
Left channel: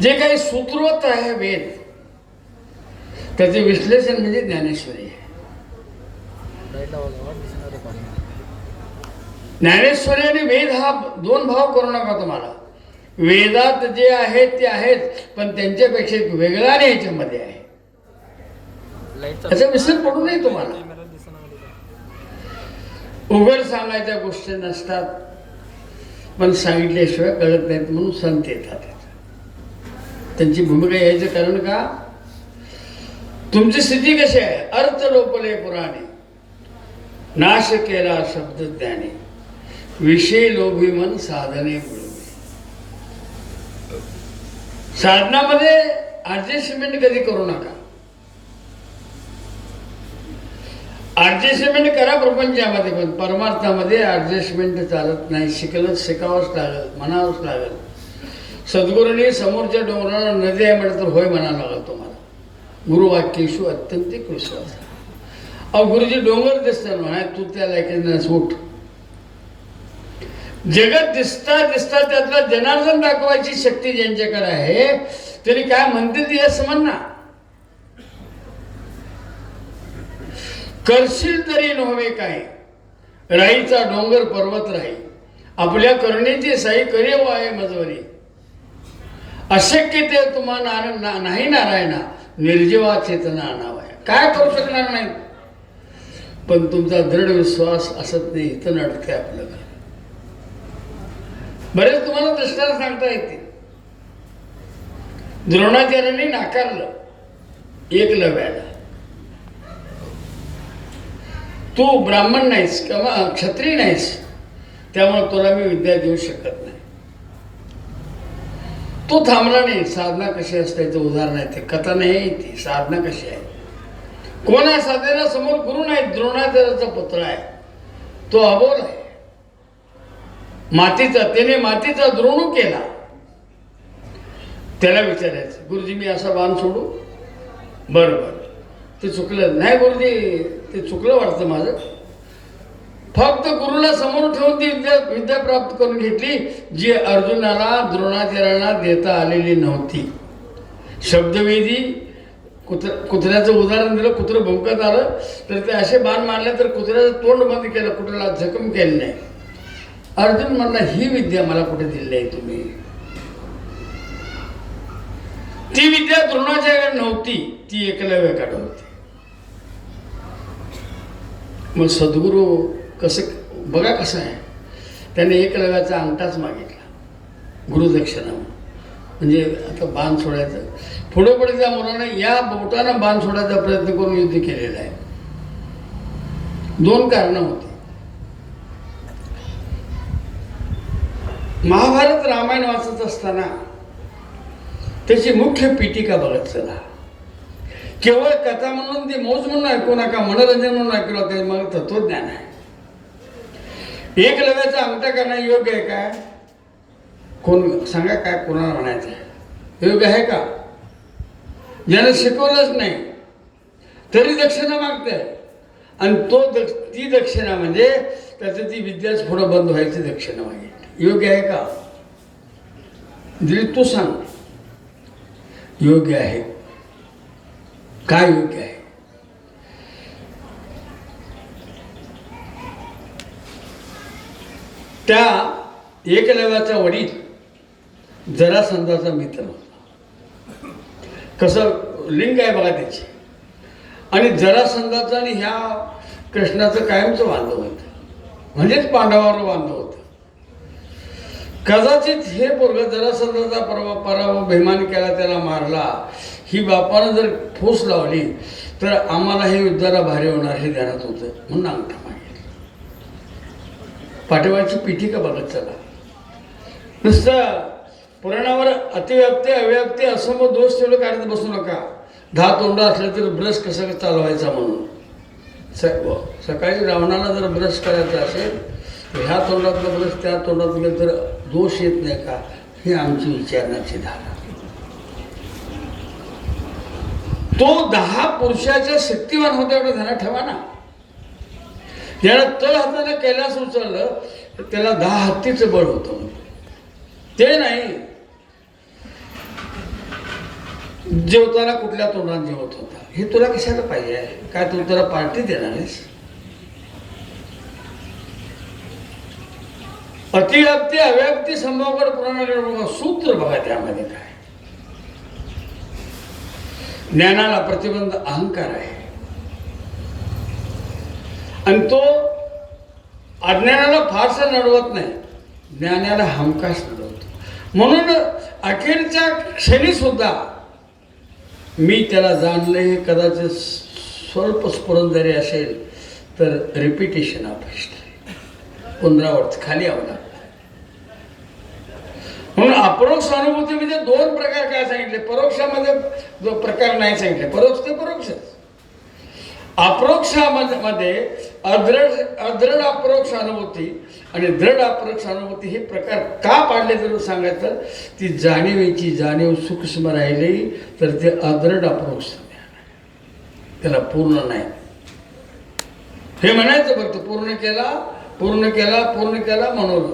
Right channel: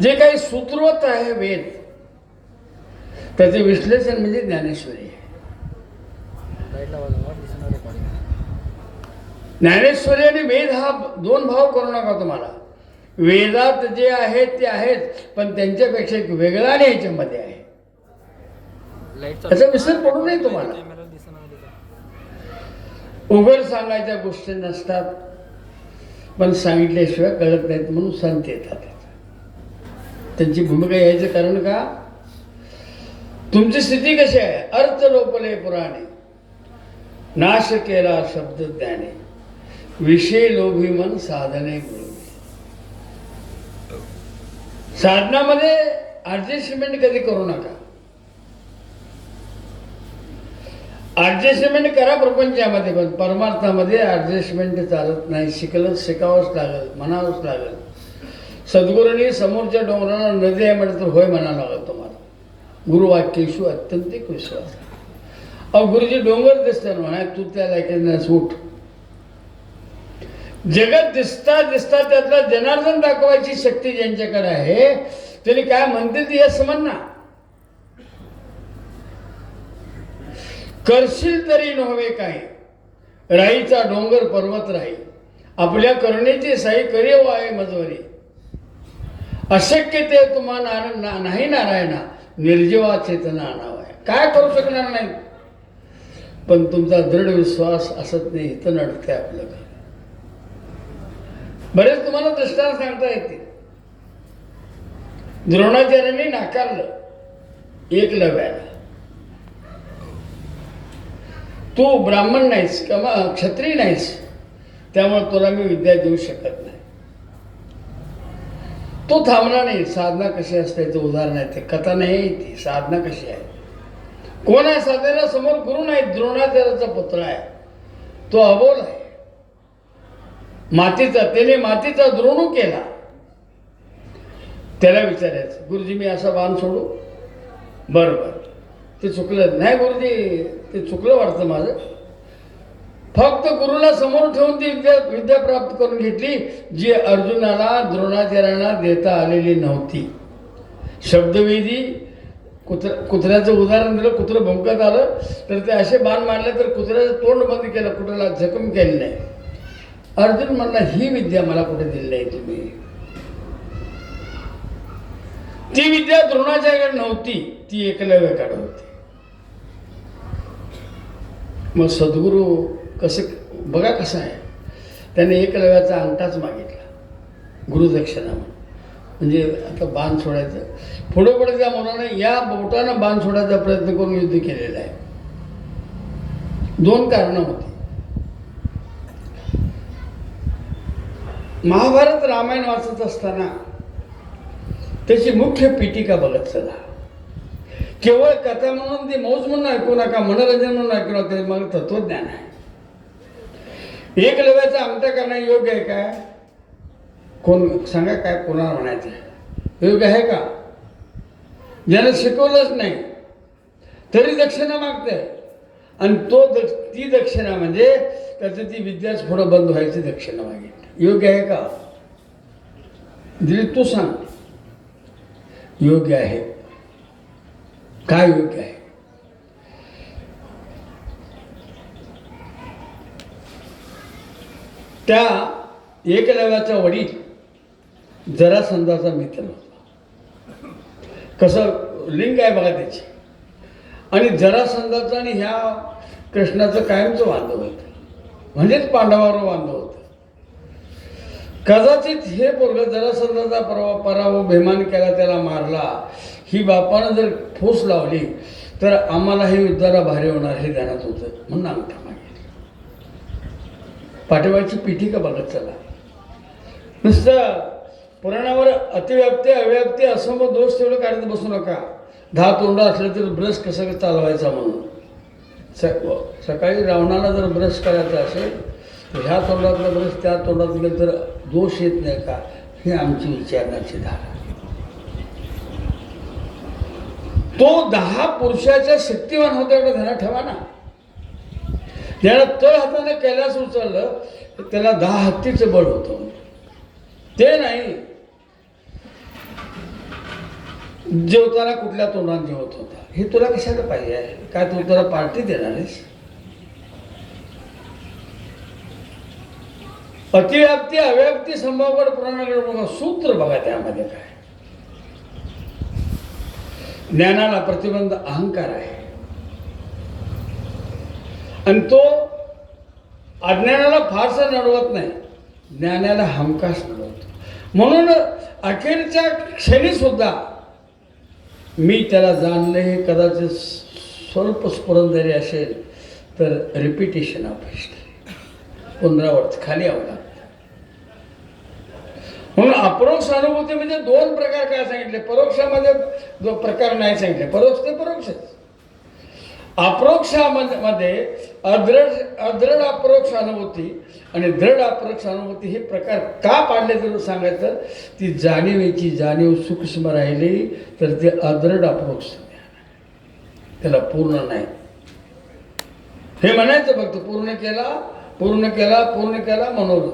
जे काही सूत्रवत आहे वेद, त्याचे विश्लेषण म्हणजे ज्ञानेश्वरी आहे. ज्ञानेश्वरी आणि वेद हा दोन भाव करू नका तुम्हाला. वेदात जे आहेत ते आहेत, पण त्यांच्यापेक्षा एक वेगळा आणि याच्यामध्ये आहे. त्याचा विसर पडू नये तुम्हाला. उघड सांगायच्या गोष्टी नसतात, पण सांगितल्याशिवाय कळत नाहीत म्हणून संत येतात. त्यांची भूमिका यायचं कारण का? तुमची स्थिती कशी आहे? अर्थ लोपले पुराणे, नाश केला शब्द ज्ञाने, विषय लोभी मन साधने गुळवे. साधनामध्ये ऍडजस्टमेंट कधी करू नका. ऍडजस्टमेंट करा प्रपंचामध्ये, पण परमार्थामध्ये ऍडजस्टमेंट चालत नाही. शिकावंच लागल, म्हणावंच लागल. सद्गुरूंनी समोरच्या डोंगराला नदी आहे म्हटलं तर होय म्हणावं लागल तुम्हाला. गुरुवाक्येषु अत्यंतिक विश्वास. अहो गुरुजी डोंगर दिसतात म्हणा, तू त्या लायकीनं सूट. जगत दिसता त्यातला जनार्दन दाखवायची शक्ती ज्यांच्याकडे आहे, तरी काय म्हणते ती असं म्हणा. करशील तरी नव्हे काय, राईचा डोंगर पर्वत राही, आपल्या करण्याची साई करेव आहे मजवरी. अशक्य ते तुम्हा नाही नारायणा, निर्जीवा चेतना आणावा. काय करू शकणार नाही, पण तुमचा दृढ विश्वास असत नाही, इथं नडते आपलं. बरेच तुम्हाला दृष्टांत सांगता येते. द्रोणाचार्यांनी नाकारलं एकलव्याला. तू ब्राह्मण नाहीस किंवा क्षत्रिय नाहीस, त्यामुळे तुला मी विद्या देऊ शकत नाही. तो थांबला नाही. साधना कशी असते याचं उदाहरण आहे ते. कथा नाही ती, साधना कशी आहे. कोण आहे साधनेला? समोर गुरु नाही, द्रोणाचार्याचा पुत्र आहे, तो अबोल आहे. त्याने मातीचा द्रोणू केला. त्याला विचारायचं, गुरुजी मी असा बाण सोडू? बरोबर, ते चुकलं नाही गुरुजी, ते चुकलं वाटतं माझं. फक्त गुरुला समोर ठेवून ती विद्या प्राप्त करून घेतली, जी अर्जुनाला द्रोणाचार्यांना देता आलेली नव्हती. शब्दवेदी कुत्र्याचं उदाहरण दिलं. कुत्रं भुंकत आलं तर ते असे बाण मारले तर कुत्र्याचं तोंड बंद केलं, कुठला जखम केली नाही. अर्जुन म्हणला, ही विद्या मला कुठे दिली नाही तुम्ही. ती विद्या द्रोणाचार्याकडे नव्हती, ती एकलव्याकडे होती. मग सद्गुरू कसं बघा कसं आहे, त्याने एकलव्याचा अंगठाच मागितला गुरुदक्षिणा. म्हणजे आता बाण सोडायचं, पुढे पुढे त्या मुलाने या बोटानं बाण सोडायचा प्रयत्न करून युद्ध केलेला आहे. 2 कारणं होती. महाभारत रामायण वाचत असताना त्याची मुख्य पीठिका बघत चला. केवळ कथा म्हणून ती मौज म्हणून ऐकू नका, मनोरंजन म्हणून ऐकू नका. ते मला तत्वज्ञान आहे. एकलव्याचा अंगठा करणं योग्य आहे काय? कोण सांगा, काय कोणाला म्हणायचं आहे? योग्य आहे का? ज्यानं शिकवलंच नाही तरी दक्षिणा मागते, आणि ती दक्षिणा म्हणजे त्याचं ती विद्याच पुढं बंद व्हायची दक्षिणा मागितली. योग्य आहे का? दिली तू सांग. योग्य आहे. काय योग्य आहे? त्या एकलव्याचा वडील जरासंधाचा मित्र होता. कसं लिंग आहे बघा त्याची. आणि जरासंधाचं आणि ह्या कृष्णाचं कायमचं बांधव होतं, म्हणजेच पांडवावर बांधव होतं. कदाचित हे पोरग जरासंधाचा पराभव बेमान केला, त्याला मारला, ही बापानं जर ठोस लावली तर आम्हाला हे युद्धाला भारी होणार हे ध्यानात होतं, म्हणून अंगठा मागितला. पाठीमागची पीठिका बघत चला. नुसतं पुराणावर अतिव्याप्ती अव्याप्ती असम दोष तेवढं काढत बसू नका. 10 तोंड असलं तर ब्रश कसं चालवायचा म्हणून. सकाळी रावणाला जर ब्रश करायचा असेल तर ह्या तोंडातलं ब्रश त्या तोंडात गेलं तर दोष येत नाही का, ही आमची विचारण्याची धारा. तो 10 पुरुषाच्या शक्तिवान होता एवढं ध्यानात ठेवा ना. ज्याला तळ हाताने कैलास उचललं तर त्याला 10 हत्तीचं बळ होतं. ते नाही जेवताना कुठल्या तोंडाने जेवत होता. हे तुला कशाला पाहिजे आहे? काय तू त्याला पार्टी देणार आहेस? अतिव्याप्ती अव्याप्ती संभावर पुराणाला सूत्र बघा. त्यामध्ये काय ज्ञानाला प्रतिबंध अहंकार आहे, आणि तो अज्ञानाला फारसा नडवत नाही, ज्ञानाला हमखास नडवतो. म्हणून अखेरच्या क्षणी सुद्धा मी त्याला जाणलं, हे कदाचित स्वल्प स्फुरण जरी असेल तर रिपिटेशन ऑफ हिस्ट्री, पुनरावृत्ती खाली यावं लागतं. म्हणून अपरोक्ष अनुभूती म्हणजे दोन प्रकार काय सांगितले, परोक्षामध्ये जो प्रकार नाही सांगितले, परोक्ष ते परोक्षच. अप्रोक्षामध्ये अदृढ अपरोक्ष अनुभूती आणि दृढ अपरोक्ष अनुभूती हे प्रकार का पाडले तर सांगायचं, ती जाणीवेची जाणीव सूक्ष्म राहिली तर ते अदृढ अपरोक्ष, त्याला पूर्ण नाही हे म्हणायचं. फक्त पूर्ण केला पूर्ण केला पूर्ण केला म्हणून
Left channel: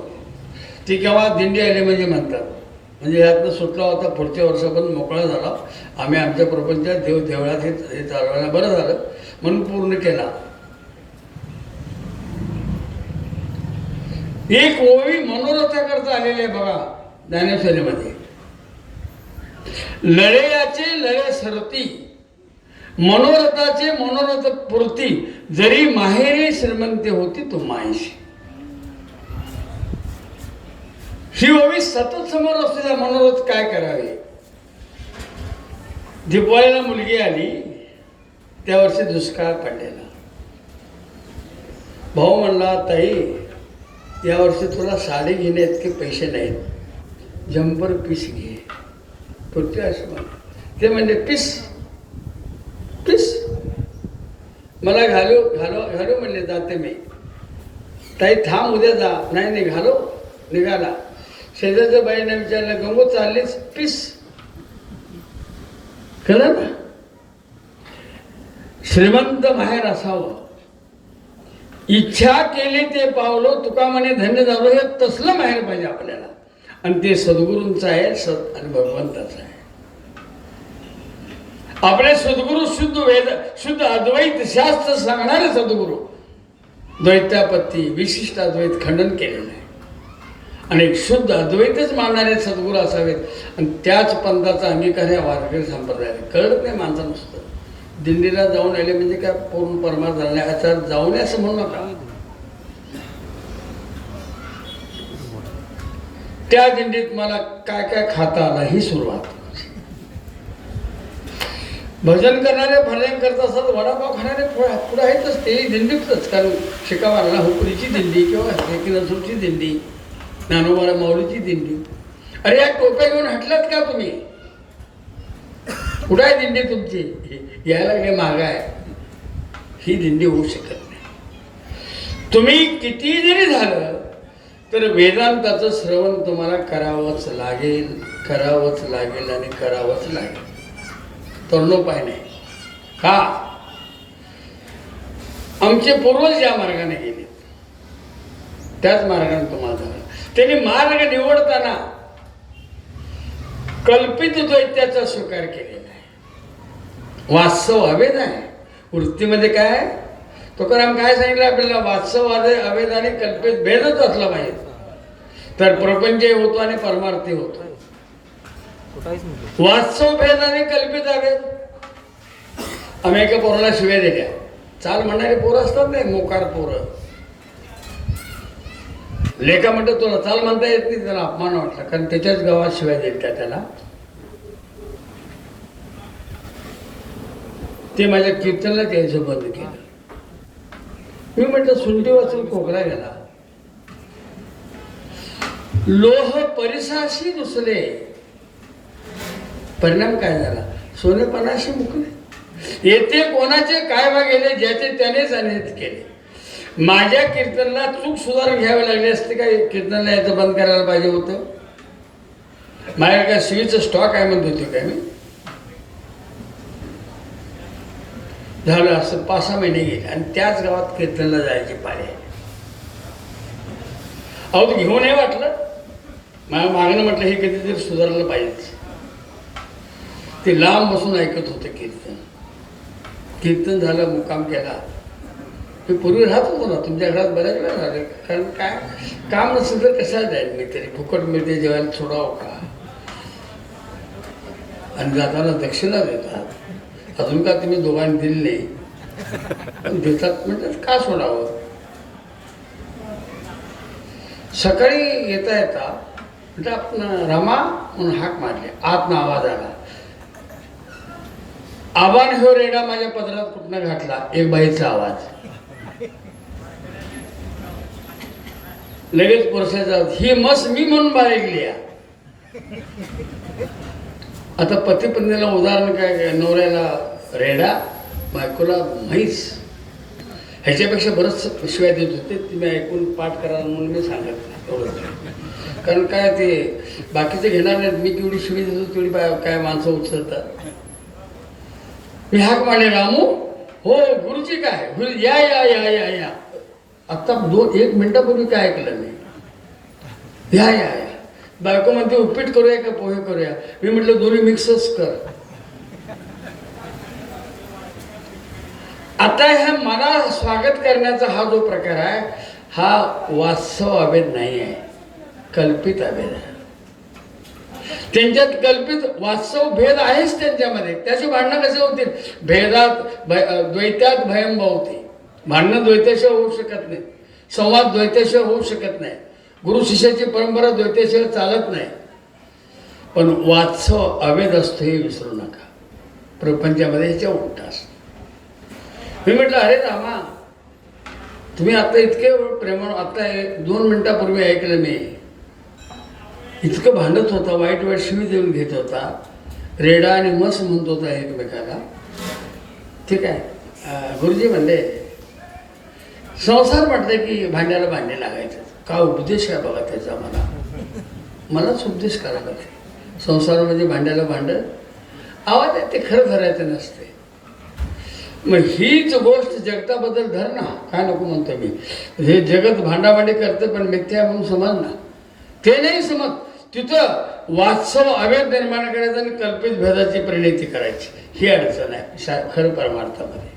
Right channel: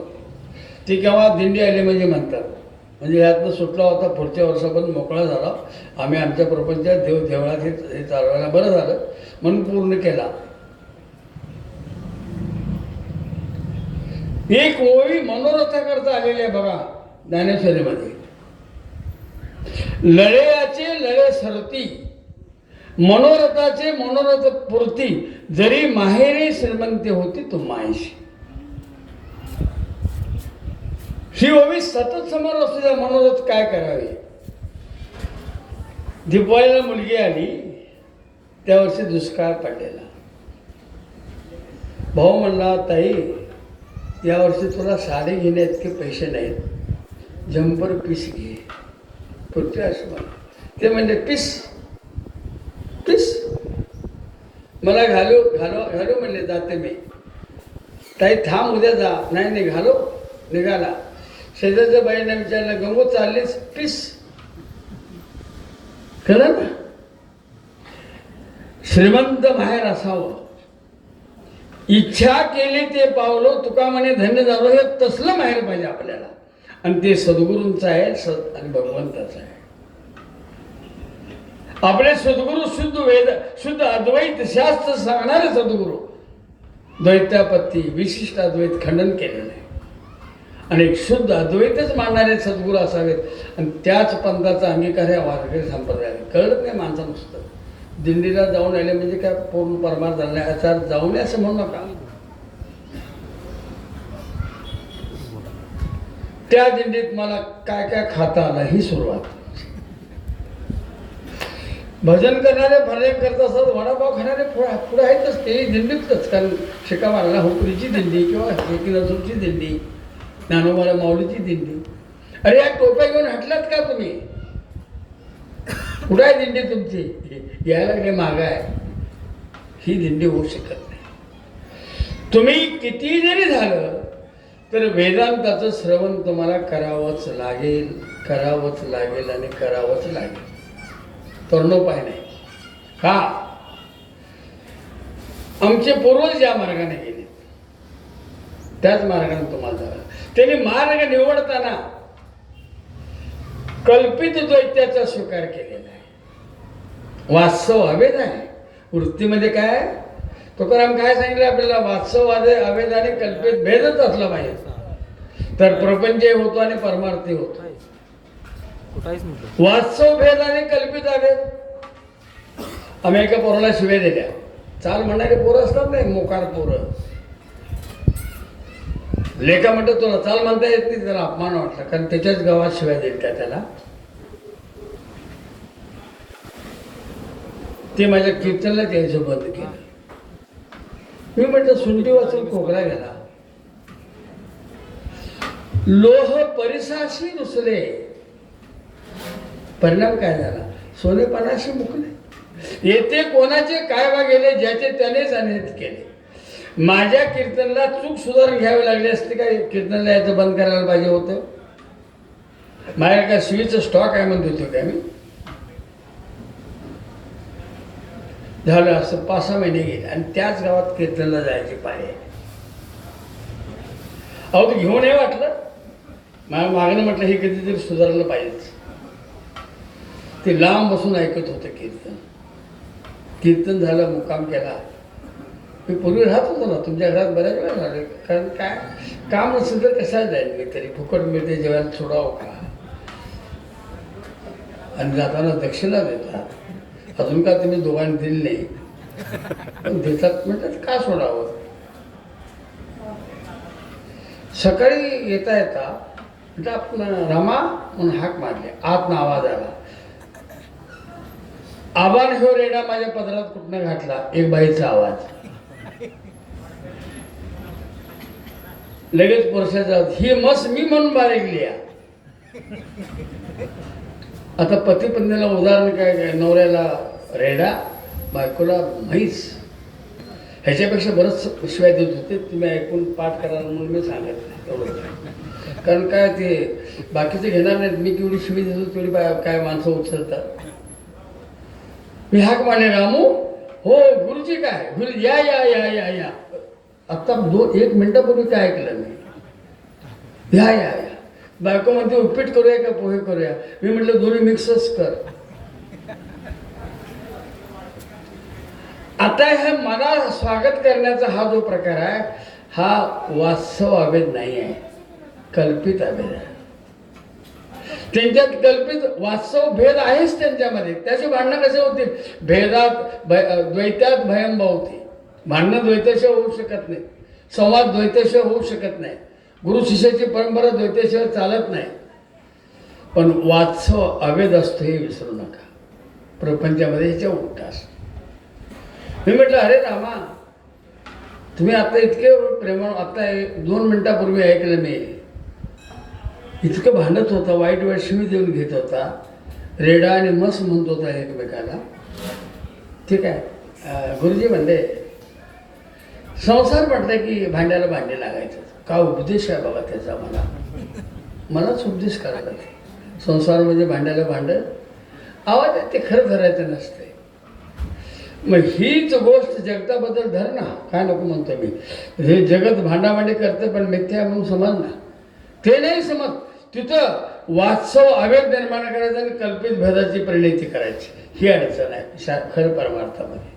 ती केव्हा दिंडी आली म्हणजे म्हणतात, म्हणजे यातनं सुटला होता, पुढच्या वर्षापर्यंत मोकळा झाला. आम्ही आमच्या प्रपंचात देवळात हे चालवायला बरं झालं म्हणून पूर्ण केला. एक ओवी मनोरथाकरता आलेली आहे बघा ज्ञानेश्वरीमध्ये, लढेयाचे लढे सरती, मनोरथाचे मनोरथ पूर्ती, जरी माहेरी श्रीमंती होती तू मायशी. ही ओवी सतत समोर असलेला मनोरथ काय करावे. दिवाळीला मुलगी आली, त्या वर्षी दुष्काळ पडलेला. भाऊ म्हणला, ताई यावर्षी तुला साडी घेणे इतके पैसे नाहीत, जम्पर पीस घे. पुढच्या असं ते म्हणजे पीस पीस मला घालू घालू घालू म्हणले, जाते मी. ताई थांब उद्या जा. नाही नाही घालो. निघाला. शेजारच्या बाईने विचारलं, गंगो चाललीस? पीस. कळलं ना, श्रीमंत माहेर असावं, इच्छा केली ते पावलं, तुका म्हणे धन्य झालो. हे तसलं माहेर पाहिजे आपल्याला, आणि ते सद्गुरूंचं आहे आणि भगवंताचं आहे. आपले सद्गुरू शुद्ध वेद शुद्ध अद्वैत शास्त्र सांगणारे सद्गुरू, द्वैतापत्ती विशिष्ट अद्वैत खंडन केलेलं आहे, आणि एक शुद्ध अद्वैतच मानणारे सद्गुरू असावेत. आणि त्याच पंथाचा अंगीकार या वारकरी संप्रदायाला कळत नाही माणसा. नुसतं दिंडीला जाऊन आले म्हणजे काय पूर्ण परमार्थ झाला नाही आचार जाऊन असं म्हणू नका. त्या दिंडीत मला काय काय खाता आलं ही सुरुवात. भजन करणारे भजन करत असतात, वडापाव खाणारे पुढे आहेतच, ते दिंडीतच. कारण शिका मारला हुपरीची दिंडी किंवा किनसूरची दिंडी, ज्ञानोबा माऊलीची दिंडी. अरे या टोप्या घेऊन हटलात का तुम्ही? कुठं आहे दिंडी तुमची? यायला लागले माग आहे. ही दिंडी होऊ शकत नाही. तुम्ही किती जरी झालं तर वेदांताचं श्रवण तुम्हाला करावंच लागेल, करावंच लागेल आणि करावंच लागेल. तरुणोपाय नाही. का? आमचे पूर्वज या मार्गाने गेले, त्याच मार्गाने तुम्हाला जावं. त्यांनी मार्ग निवडताना कल्पित द्वैत्याचा स्वीकार केलेला आहे. वास्तव अवेद आहे. वृत्तीमध्ये काय तुकाराम काय सांगितलं आपल्याला? वास्तव अवेद आणि कल्पित भेदच असला पाहिजे तर प्रपंच होतो आणि परमार्थी होतो. वास्तव भेद आणि कल्पित अवेद. आम्ही एका पोराला शिव्या दिल्या. चाल म्हणणारे पोरं असतात नाही, मोकार पोरं. लेखा म्हणतात तुला चाल म्हणता येत नाही, त्याला अपमान वाटला, कारण त्याच्याच गावात शिवाय देत त्याला. ते माझ्या कीर्तनाला यायचं बंद केलं. मी म्हटलं सुंटी वाचून खोकला गेला. लोह परिसाशी रुसले, परिणाम काय झाला? सोनेपणाशी मुकले. येथे कोणाचे काय वा गेले, ज्याचे त्यानेच अनित केले. माझ्या कीर्तनला चूक सुधारून घ्यावी लागली असते काय? कीर्तनला याचं बंद करायला पाहिजे होतं. माझ्या काय शिवीचं स्टॉक आहे म्हणत होते काय मी? झालं असं 5-6 महिने गेले आणि त्याच गावात कीर्तनला जायची पाळी. अहो ते घेऊन नाही वाटलं. माझ्या मागणं म्हटलं हे कधीतरी सुधारलं पाहिजे. ते लांब बसून ऐकत होते कीर्तन. कीर्तन झालं, मुक्काम केला. मी पूर्वी राहत होतो ना तुमच्या घरात बऱ्याच वेळा झाले. कारण काय काम नसेल तर कशाला जाईल मी तरी, फुकट मिळते जेवायला सोडावं का? आणि जाताना दक्षिणा देतात. अजून का तुम्ही दोघांनी दिली नाही देतात म्हणतात, का सोडावं? सकाळी येता येता म्हटलं आपण रमा म्हणून हाक मारले. आतनं आवाज आला. आव्हान ह्यो रेडा माझ्या पदरात कुठनं घातला. एक बाईचा आवाज. लगेच पुरुषाचा ही मस मी म्हणून बाळगली. आता पती पत्नीला उदाहरण काय, नवऱ्याला रेडा, बायकोला म्हैस. ह्याच्यापेक्षा बरंच शिवाय देत होते. तुम्ही ऐकून पाठ करा म्हणून मी सांगत नाही एवढं. कारण काय ते बाकीचे घेणार नाहीत. मी केवढी शिवी देतो तेवढी काय माणसं उचलतात. मी हाक मारले रामू. हो गुरुजी काय गुरु या या या या या. आता 1 मिनिटापूर्वी काय ऐकलं नाही. या या या. बायको म्हणते उपीट करूया का पोहे करूया. मी म्हटलं दोन्ही मिक्सच कर. आता ह्या मला स्वागत करण्याचा हा जो प्रकार आहे हा वास्तव अभेद नाही आहे, कल्पित अभेद आहे. त्यांच्यात कल्पित वास्तव भेद आहेच त्यांच्यामध्ये. त्याची भांडणं कसे होतील. भेदात द्वैत्यात भयम भवती. भांडणं द्वैताशिवाय होऊ शकत नाही. संवाद द्वैताशिवाय होऊ शकत नाही. गुरु शिष्याची परंपरा द्वैताशिवाय चालत नाही. पण वास्तव अभेद असतो हे विसरू नका. प्रपंचामध्ये ह्याच्या उलट असतो. मी म्हटलं अरे रामा तुम्ही आता इतके प्रेमाने आता 2 मिनिटापूर्वी ऐकलं मी. इतकं भांडत होता, वाईट वाईट शिवी देऊन घेत होता, रेडा आणि मस म्हणत होता एकमेकाला. ठीक आहे. गुरुजी म्हणले संसार म्हटलं की भांड्याला भांडे लागायचं. का उपदेश आहे बघा त्याचा. मलाच उपदेश करायला ते. संसार म्हणजे भांड्याला भांड आवाज आहे ते खरं धरायचं नसते. मग हीच गोष्ट जगताबद्दल धर ना. काय नको म्हणतो मी. हे जगत भांडाभांडी करते पण मिथ्या म्हणून समज ना. ते नाही समज. तिथं वास्तव अभेद निर्माण करायचं आणि कल्पित भेदाची परिणती करायची ही अडचण आहे खरं परमार्थामध्ये.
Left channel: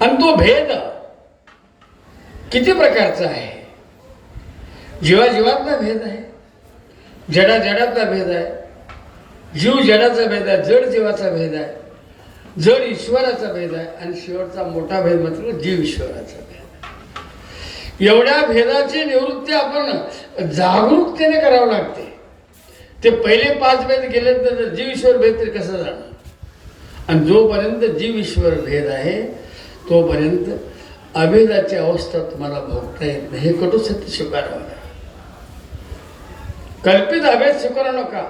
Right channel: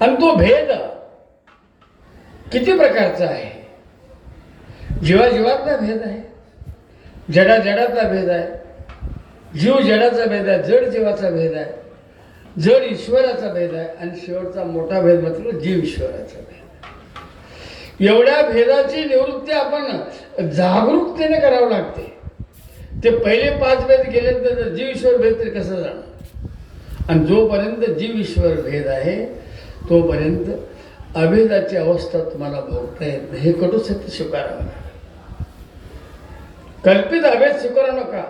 आणि तो भेद किती प्रकारचा आहे. जीवाजीवातला भेद आहे, जडा जडातला भेद आहे, जीव जडाचा भेद आहे, जड जीवाचा भेद आहे, जड ईश्वराचा भेद आहे आणि शेवटचा मोठा भेद मात्र जीव ईश्वराचा भेद. एवढ्या भेदाची निवृत्ती आपण जागरूकतेने करावं लागते. ते पहिले 5 भेद गेले तर जीव ईश्वर भेद तरी कसं जाणार. आणि जोपर्यंत जीव ईश्वर भेद आहे तोपर्यंत अभेदाची अवस्था तुम्हाला भोगता येत नाही. हे कटू सत्य स्वीकारावं लागेल. कल्पित अभेद स्वीकारू नका,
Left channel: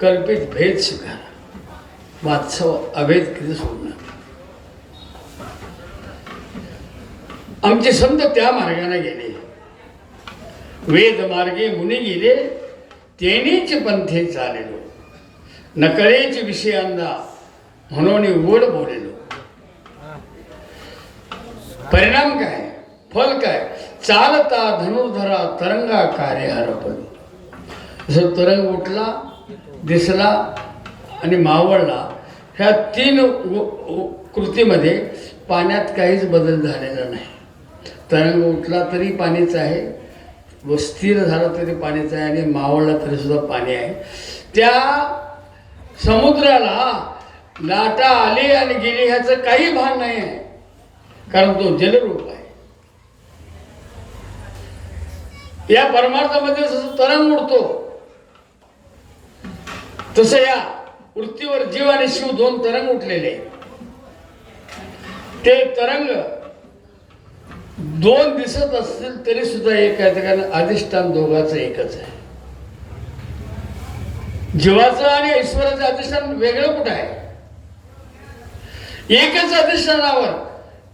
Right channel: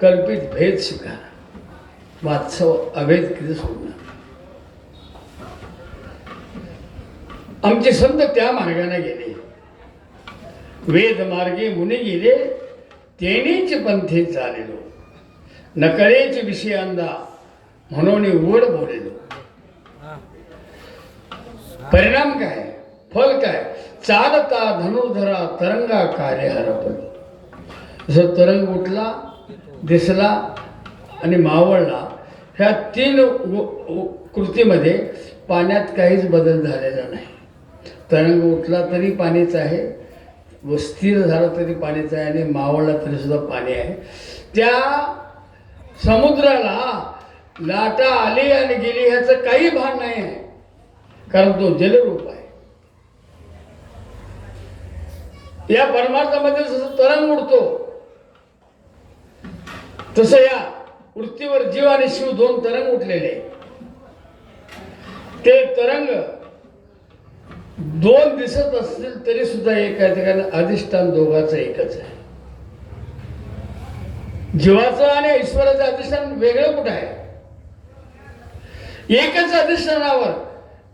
कल्पित भेद स्वीकारा. वास्तव अभेद कधी सोडू नका. आमचे संत त्या मार्गाने गेले. वेद मार्गे मुनी गेले तेनीच पंथे चालेलो. नकळेच विषयांदा म्हणून ओढ बोलेलो. परिणाम काय, फल काय. चालता धनुर्धरा तरंगा कार्य हरपलो. जसं तरंग उठला, दिसला आणि मावळला. ह्या 3 कृतीमध्ये पाण्यात काहीच बदल झालेला नाही. तरंग उठला तरी पाणीच आहे, व स्थिर झाला तरी पाणीच आहे, आणि मावळला तरी सुद्धा पाणी आहे. त्या समुद्राला लाटा आली आणि गेली ह्याचं काही भान नाही आहे, कारण तो जलरूप आहे. या परमार्थामध्ये जसं तरंग उडतो तसं या पृथ्वीवर जीव आणि शिव 2 तरंग उठलेले. ते तरंग 2 दिसत असतील तरी सुद्धा एक आहे, कारण अधिष्ठान दोघांचं एकच आहे. जीवाचं आणि ईश्वराचं अधिष्ठान वेगळं कुठं आहे. एकच अधिष्ठानावर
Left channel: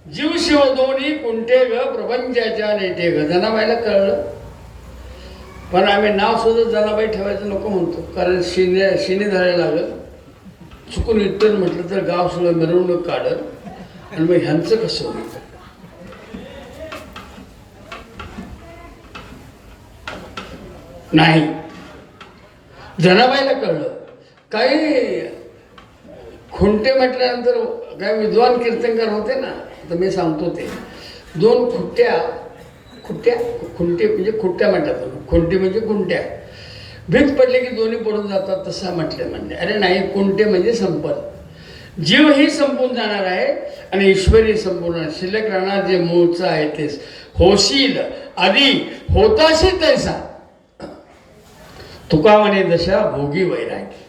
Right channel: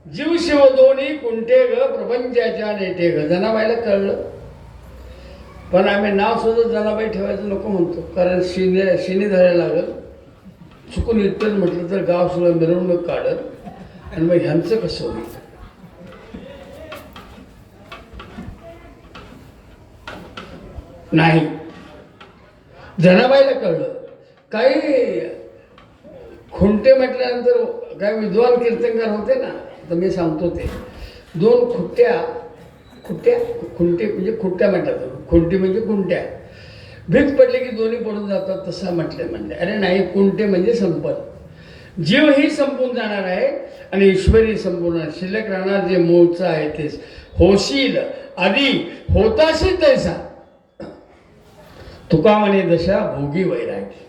जीव शिव दोन्ही कुंठे ग प्रपंचाच्या नेटे ग. जनाबाईला कळलं, पण आम्ही नाव सुद्धा जनाबाई ठेवायचं नको म्हणतो, कारण शिनी धरायला लागल. चुकून इतर म्हटलं तर गाव सुद्धा मिरवणूक काढल आणि मग ह्यांचं कसं होईल. नाही, जनाबाईला कळलं. काही खुंटे म्हटल्यानंतर काय विद्वान कीर्तनकार होते ना, तर मी सांगतो ते 2 खुंट्या खुंटे म्हणजे खुट्ट्या म्हणतात. खुंटी म्हणजे कुंट्या. भीत पडले की दोन्ही पडून जातात तसं म्हटलं. म्हणजे अरे नाही, कुंटे म्हणजे संपत. जीव ही संपून जाणार आहे आणि ईश्वरी संपूर्ण शिल्लक राहणार. जे मूळचं आहे तेच. होशील आधी होताशी तैसा. तुका म्हणे दशा भोगी वैरागी.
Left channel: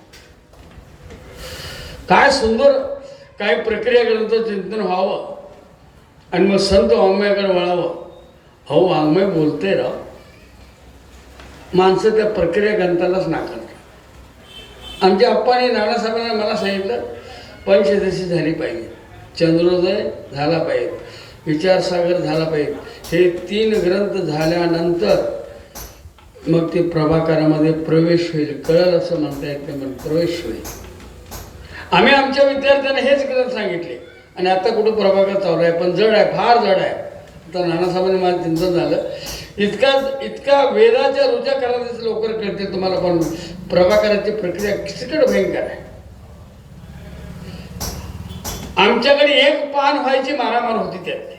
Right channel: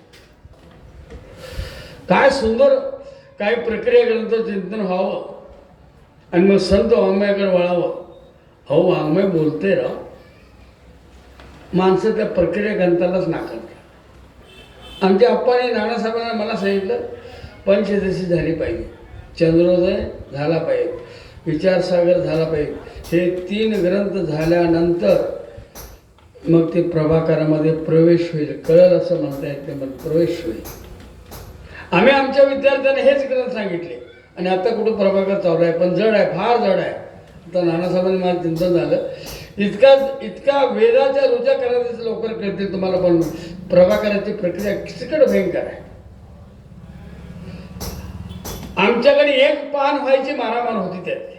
काय सुंदर काय प्रक्रिया ग्रंथ चिंतन व्हावं आणि मग संत वाङ्मयाकडे वळावं. हो वाङ्मय बोलते राव, माणसं त्या प्रक्रिया ग्रंथालाच नाकारतात. आमच्या अप्पाने नानासाहेबांना मला सांगितलं पंचदशी झाली पाहिजे, चंद्रोदय झाला पाहिजे, विचारसागर झाला पाहिजे. हे 3 ग्रंथ झाल्यानंतर मग ते प्रभाकरामध्ये प्रवेश होईल. कळलं असं म्हणता येत नाही, पण प्रवेश होईल. आम्ही आमच्या विद्यार्थ्यांना हेच ग्रंथ सांगितले आणि आता कुठं प्रभाकर चालू आहे, पण जड आहे, फार जड आहे. आता नानासाहेबांनी माझं चिंतन झालं, इतका वेदाच्या रुचा करायचं लवकर कळते तुम्हाला, पण प्रभाकराची प्रक्रिया कितीकडे भयंकर आहे. आमच्याकडे 1 पान व्हायची मारामार होती त्यात.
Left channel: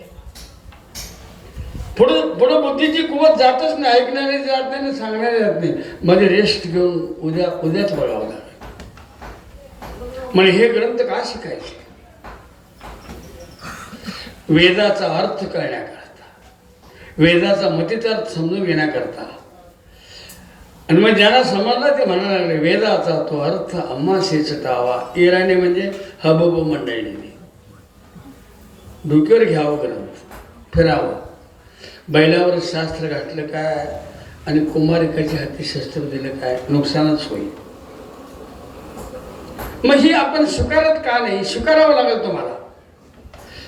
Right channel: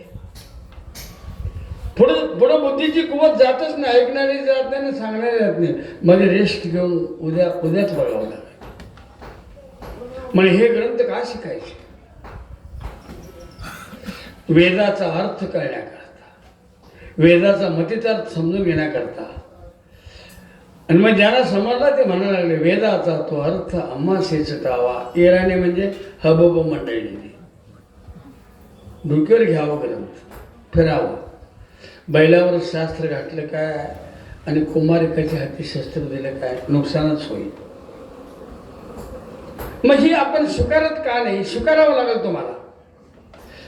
पुढं बुद्धीची कुवत जातच नाही, ऐकणारी जात नाही, सांगणारी जात नाही. मध्ये रेस्ट घेऊन उद्याच वळावं लागेल. म्हणजे हे ग्रंथ का शिकायचे? वेदाचा अर्थ कळण्याकरता, वेदाचा मतितार्थ समजून घेण्याकरता. आणि मग ज्यांना समजलं ते म्हणायला लागले वेदाचा तो अर्थ अम्मासेच टावा. इराणी म्हणजे हबब मंडळीने डोक्यावर घ्यावं ग्रंथ, फिरावं. बैलावर शास्त्र घातलं काय आणि कुमारिकाच्या हाती शस्त्र दिलं काय, नुकसानच होईल. मग ही आपण स्वीकारत का नाही? स्वीकारावं लागेल तुम्हाला.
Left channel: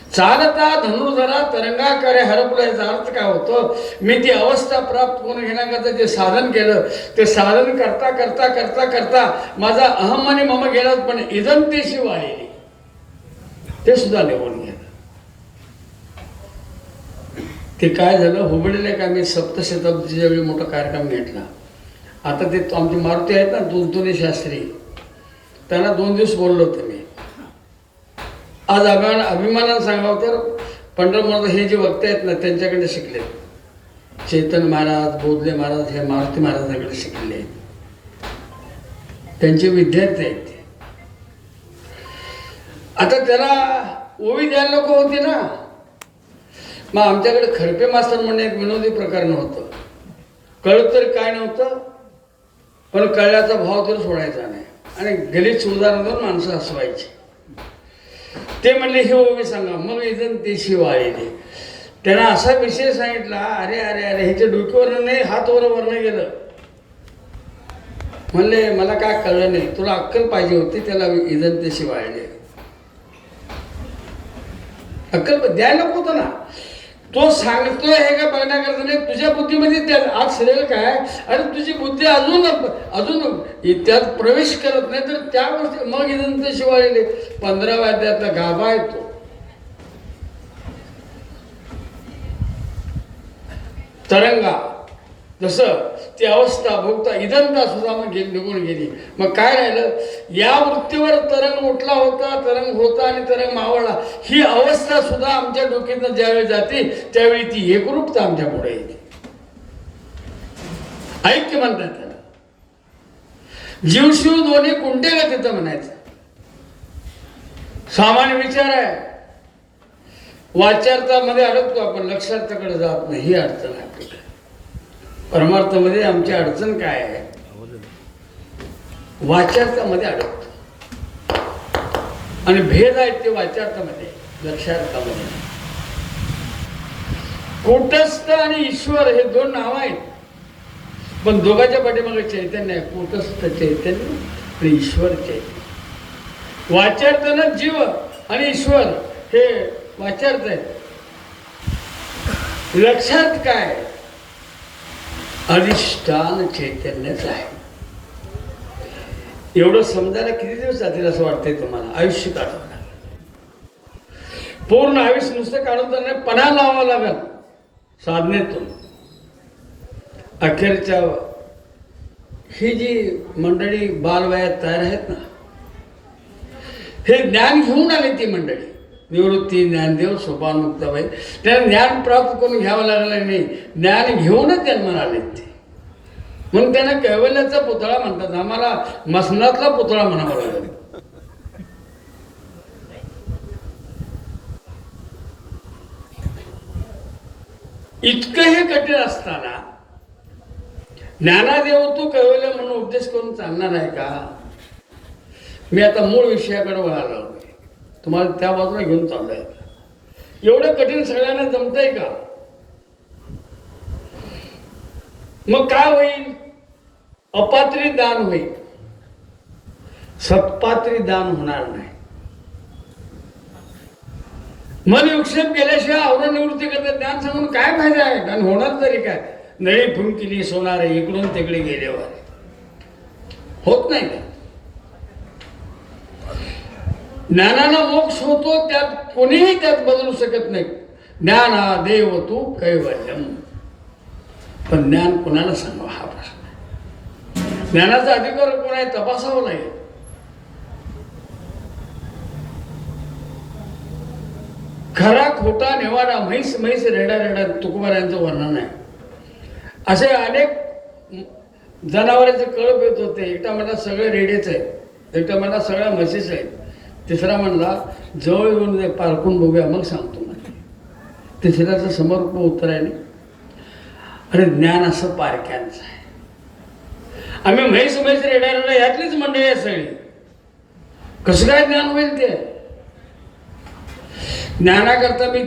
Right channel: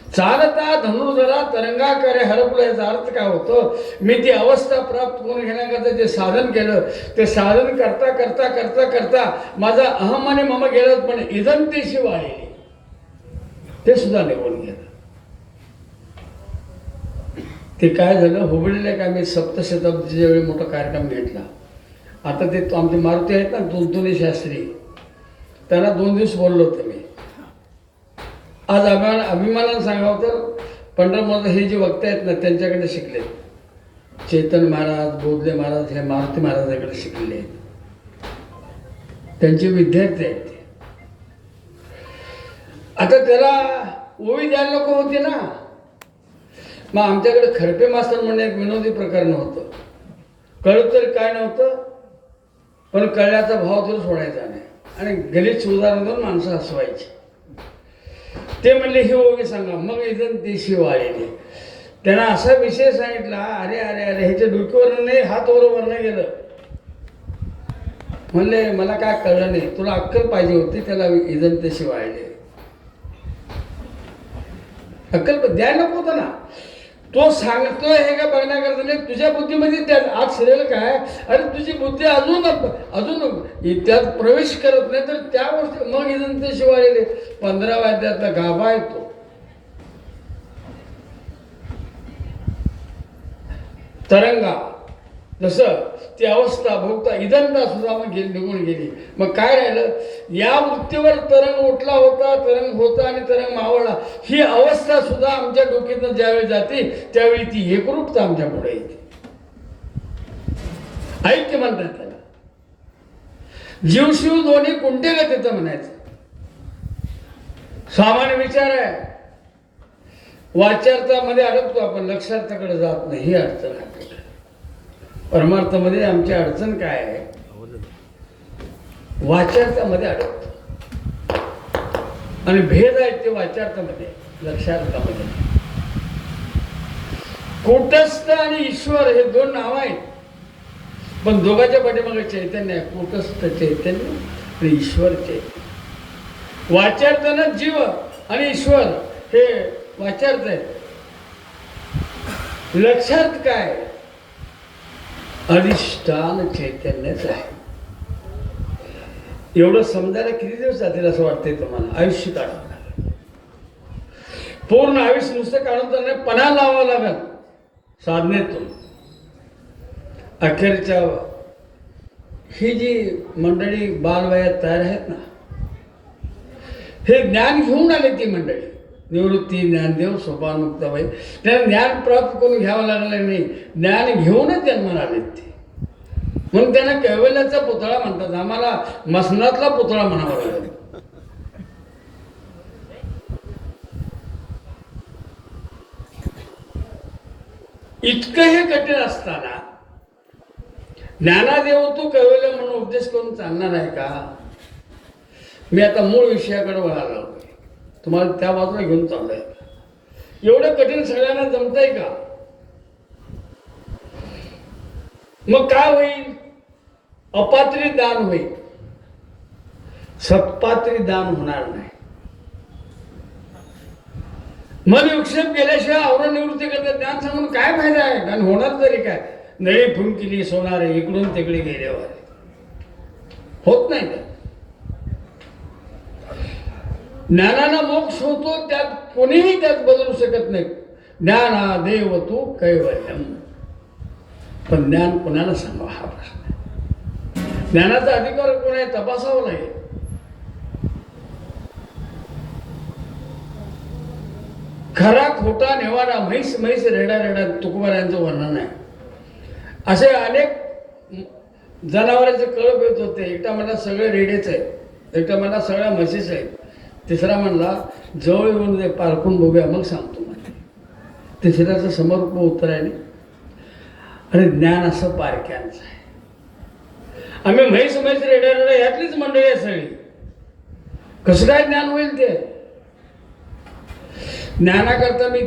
चालता धनुर्धरा तरंगाकारे हरपलं, याचा अर्थ काय होतो? मी ती अवस्था प्राप्त करून घेण्याकरता जे साधन केलं, ते साधन करता करता करता करता माझा अहम आणि मम गेलाच, पण इजंतेशी वाहिली ते सुद्धा निघून गेलं. ते काय झालं, हुबळीला काय मी सप्तशताब्दीच्या वेळी मोठा कार्यक्रम घेतला. आता ते आमचे मारुती आहेत ना, तुलतुनी शास्त्री, त्यांना 2 दिवस बोललो होतो मी. आज अभिमानानं सांगावं तर पंढरपूरमध्ये हे जे वक्ते आहेत ना, त्यांच्याकडे शिकले. चैतन्य महाराज, बोधले महाराज, हे मारुती महाराजांकडे शिकलेले आहेत. त्यांचे विद्यार्थी आहेत ते. आता त्याला ओवी द्यायला लोक होते ना. मग आमच्याकडे खरपे मास्तर म्हणणे एक विनोदी प्रकार नव्हतं. कळत तरी काय नव्हतं, पण कळल्याचा भाव तर सोडायचा नाही. आणि गलिच्छ उदाहरण देऊन माणसं हसवायची. ते म्हणले हे ओवी सांगा. मग इथं देशी वाळले. त्यांना असा विषय सांगितला, अरे अरे अरे ह्याच्या डोक्यावर नाही, हात वर नाही गेलं. म्हणले मला काय कळलं नाही, तुला अक्कल पाहिजे होती, त्याला इजन देशी वाळले. अक्कल द्या नको होतं ना. तो सांगतोय हे का बघण्याकरता नाही, तुझ्या बुद्धीमध्ये त्या आज शिरेल काय. अरे तुझी बुद्धी अजून त्यात प्रवेश करत नाही, तर त्या गोष्टी मग इजन ते शिवाळले. 15व्या अध्यायातला गाभा आहे तो. तरंगा जसं ती अवस्था भोगता इदंता सुद्धा मग निघून गेली. मग काय राहिलं, या वृत्तीवर तरंग उठला होता, तरंग होता आणि तरंग मावळला. ही अवस्था सुद्धा आमच्या डोक्यातून ज्यावेळी जाते त्यावेळी ती एकरूपता आमच्या पुढे येते. ऐक्य म्हणतात त्याला. जीवशिव दोन्ही कुंटे का तिथं म्हणायचं. सामान्य विचार आहे. वाच्यार्थामध्ये अडकतो आपण, लक्षार्थाकडे जात नाही. ही अडचण आहे. परमार्थामध्ये आमची अडचण काय आहे, वाच्यार्थामध्ये अडकतो. आणि भेद आहेत ते वाच्यार्थामध्ये, लक्षार्थामध्ये. कूटस्थ आणि ईश्वर हे 2 नाव आहेत, पण दोघांच्या पाठीमागे चैतन्य आहे. कूटस्थ चैतन्य आणि ईश्वर चैतन्य. वाच्यार्थानं जीव आणि ईश्वर हे वाच्यार्थ आहे. लक्षार्थ काय, अधिष्ठान चैतन्यच आहे. एवढं समजायला किती दिवस जातील असं वाटतंय तुम्हाला? आयुष्य काढावं लागेल. पूर्ण आयुष्य नुसतं काढून तर नाही, पणा लावावं लागेल साधनेतून. अखेरच्या ही जी मंडळी बालवयात तयार आहेत ना, हे ज्ञान घेऊन आले. ती मंडळी निवृत्ती, ज्ञानदेव, सोपान, मुक्ताबाई, त्यांना ज्ञान प्राप्त करून घ्यावं लागलं नाही, ज्ञान घेऊनच जन्माला आले ते. म्हणून त्यांना कैवल्याचा पुतळा म्हणतात. आम्हाला मसनातला पुतळा म्हणावा लागेल. इतकं हे कठीण असताना ज्ञानादेव तू कैवल्य म्हणून उपदेश करून चालणार आहे का? मी आता मूळ विषयाकडे वळायला लागलोय, तुम्हाला त्या बाजूला घेऊन चाललोय. एवढं कठीण सगळ्यांना जमतंय का? मग काय होईल? अपात्री दान होईल, सत्पात्री दान होणार नाही. मन विक्षेप केल्याशिवाय आवरण करता ज्ञान सांगून काय फायदा आहे? आणि होणार तरी काय? नळी फुंकिली सोनारे इकडून तिकडे गेल्यावर होत नाही का? ज्ञानाला मोक्ष होतो, त्यात कोणीही त्यात बदलू शकत नाही. ज्ञाना देव तू कैवल्यम. पण ज्ञान कोणाला सांगावं हा प्रश्न आहे. ज्ञानाचा अधिकार कोण आहे तपासावं लागेल. खरा खोटा निवारा म्हैस म्हैस रेडा रेडा तुकोबारायांचं वर्णन आहे. असे अनेक जनावरांचे कळप येत होते. एकटा म्हणला सगळे रेडेच आहेत, एकटा म्हणला सगळ्या म्हशीच आहेत, तिसरा म्हणला जवळ येऊन पारखून बघूया मग सांगतो. तिसऱ्याचं समर्पण उत्तर आहे. आणि ज्ञान असं पारख्यांचं आहे. आम्ही म्हैस म्हैस रेड्या रेड्या यातलीच मंडळी आहे सगळी. कसं काय ज्ञान होईल ते? ज्ञानाकरता मी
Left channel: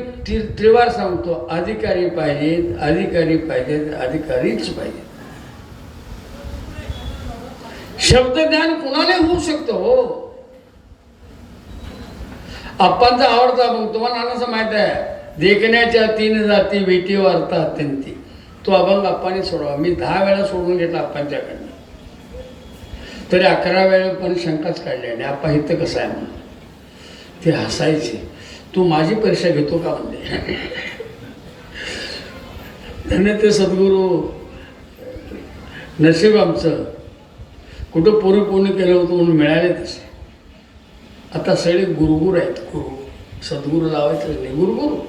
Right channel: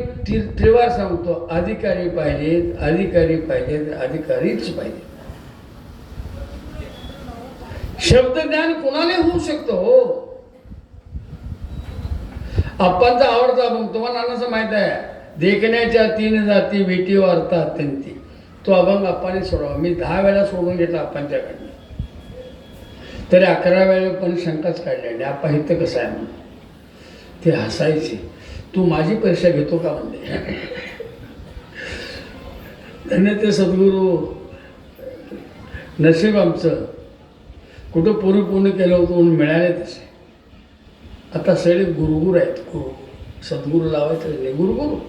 त्रिवार सांगतो, अधिकारी पाहिजेत, अधिकारी पाहिजेत, अधिकारीच पाहिजे. शब्द ज्ञान कुणाला होऊ शकतं हो? आप्पांचा आवडता मग तुम्हाला नानाचं माहित आहे, देखण्याच्या 3 जाती भेटी वार्ता अत्यंती. तो अभंग आप्पाने सोडवा. मी 10 वेळा सोडून घेतला आप्पांच्याकडनं, तरी 11 वेळा पण शंकाच काढली. आणि आप्पा इथं कसं आहे म्हणून ते हसायचे. तू माझी परीक्षा घेतो का म्हणजे? त्यांनी ते सद्गुरू नशीब आमचं कुठं पूर्ण केलं होतं म्हणून मिळाले तसे. आता सगळे गुरुगुरू आहेत. गुरु सद्गुरू लावायचं नाही, गुरुगुरू.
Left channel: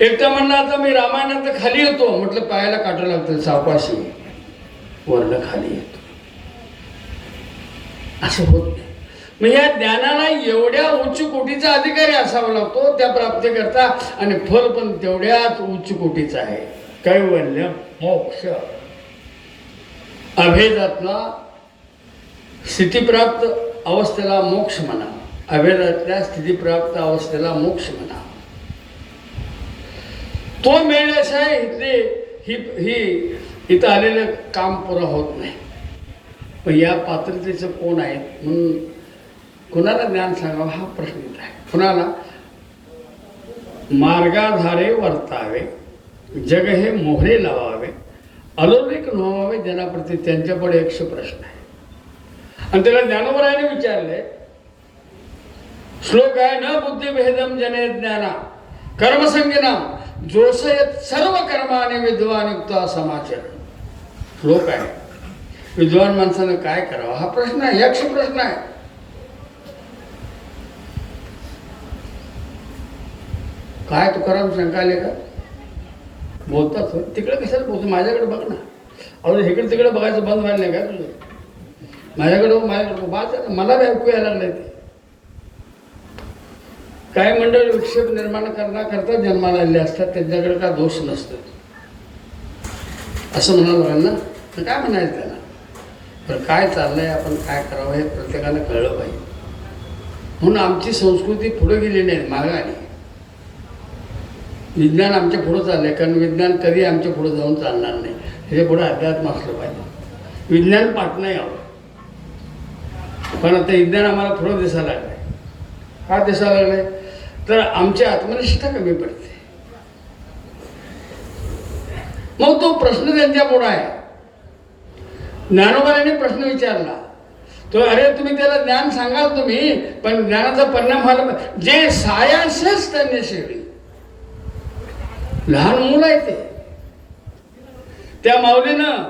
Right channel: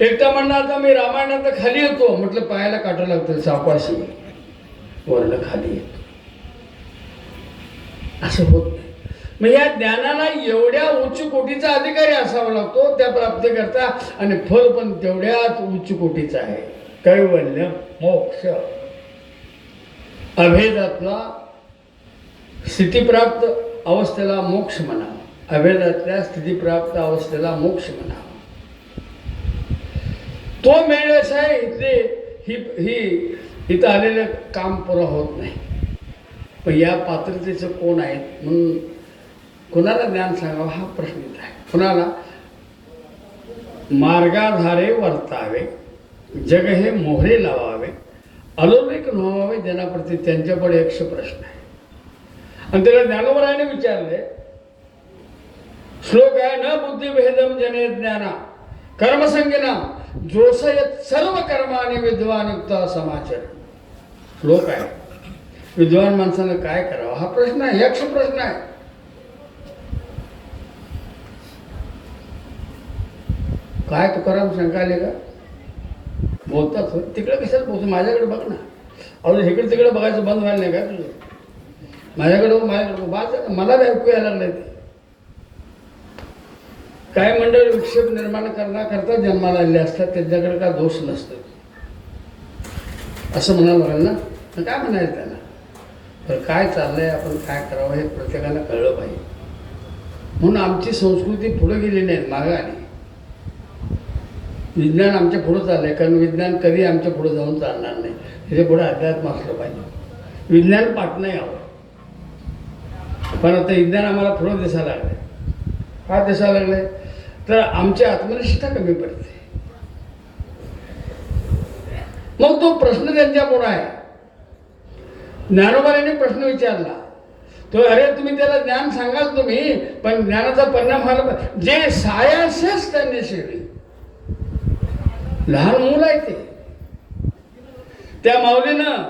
एकटा म्हणणं आता मी रामायणात खाली येतो म्हटलं, पायाला काटं लागतं, सापाशी वर्ण खाली येतो. असं होत नाही. मग या ज्ञानाला एवढ्या उच्च कोटीचा अधिकारी असावा लागतो त्या प्राप्ती करता. आणि फल पण तेवढ्याच उच्च कोटीचा आहे. कैवल्य मोक्ष. अभेदातला स्थितीप्राप्त अवस्थेला मोक्ष म्हणा, अभेदातल्या स्थितीप्राप्त अवस्थेला मोक्ष म्हणा. तो मिळण्याशिवाय ही इथं आलेलं काम पुरं होत नाही. पण या पात्रतेचं कोण आहेत म्हणून कुणाला ज्ञान सांगावं हा प्रश्न येत आहे. कुणाला? मार्गाधारे वर्तावे, जग हे मोहरे लावावे, अलौकिक नोवावे जनाप्रती. त्यांच्याकडे 100 प्रश्न आहे. आणि त्याला ज्ञानोबरायाने विचारले. श्लोक आहे, न बुद्धिभेदम जने ज्ञाना कर्मसंगिना जोसयत सर्व कर्माने विद्वानयुक्त समाचरण. श्लोक आहे. विद्वान माणसानं काय करावं हा प्रश्न आहे. 100 प्रश्न आहे. काय तुकाराम शंका आले का? बोलतात तिकडे कशाला बोलतो? माझ्याकडे बघ ना. अहो इकडे तिकडे बघायचं बंद व्हायला नाही का तुझं? माझ्याकडे मला बी ऐकू यायला लागलंय ते. काय मंडळ विक्षेप निर्माण करण्याकरता जन्माला आलेले असतात, त्यांच्याकडे काय दोष नसतो असं म्हणाल ना. काय म्हणायचं त्याला? तर काय चाललंय, आपण काय करावं हे प्रत्येकाला कळलं पाहिजे. म्हणून आमची संस्कृती पुढे गेली नाही, मागे आली. विज्ञान आमच्या पुढं चाललंय, कारण विज्ञान कधी आमच्या पुढं जाऊन चालणार नाही. त्याच्या पुढे अध्यात्म असलं पाहिजे. विज्ञान पाठ नाही हवं. पण आता विज्ञान आम्हाला पुढं दिसायला लागलंय. का दिसायला लागलंय? तर आमची आत्मनिष्ठा कमी पडते. मग तो प्रश्न त्यांच्या पुढे आहे. ज्ञानोबाने प्रश्न विचारला तो, अरे तुम्ही त्याला ज्ञान सांगाल तुम्ही, पण ज्ञानाचा परिणाम व्हायला जे सायासच त्यांनी शिकली. लहान मुलं आहे ते. त्या माऊलीनं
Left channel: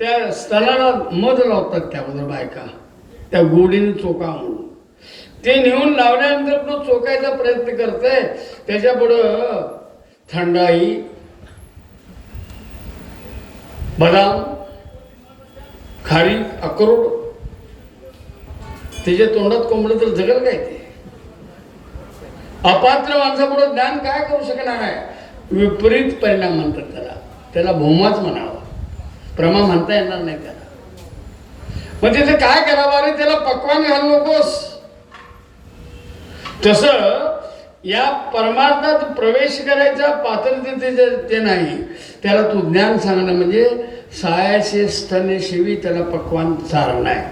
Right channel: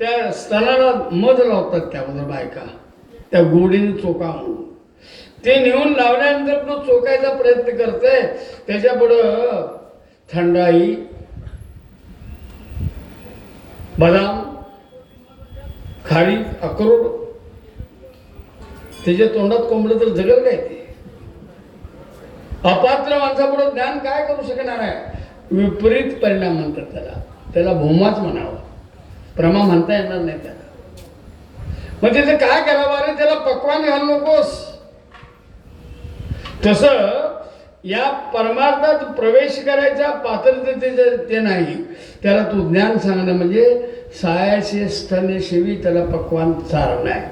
त्या स्थळाला मध लावतात त्याबद्दल बायका, त्या गोडीने चोका म्हणून. ते नेऊन लावल्यानंतर तो चोकायचा प्रयत्न करते. त्याच्यापुढं थंडाई, बदाम, खारी, अक्रोड, त्याच्या तोंडात कोंबडं तर जगल काय ते? अपात्र माणसापुढे ज्ञान काय करू शकणार आहे? विपरीत परिणाम म्हणतात त्याला. त्याला भोमाच म्हणावा, प्रमा म्हणता येणार नाही त्याला. मग तिथे काय करावं, अरे त्याला पक्वान घालू नकोस. तसं या परमार्थात प्रवेश करायचा पात्रतेचे ते नाही, त्याला तू ज्ञान सांगणं म्हणजे सायाशे स्तने शिवी त्याला पक्वान चारणं आहे.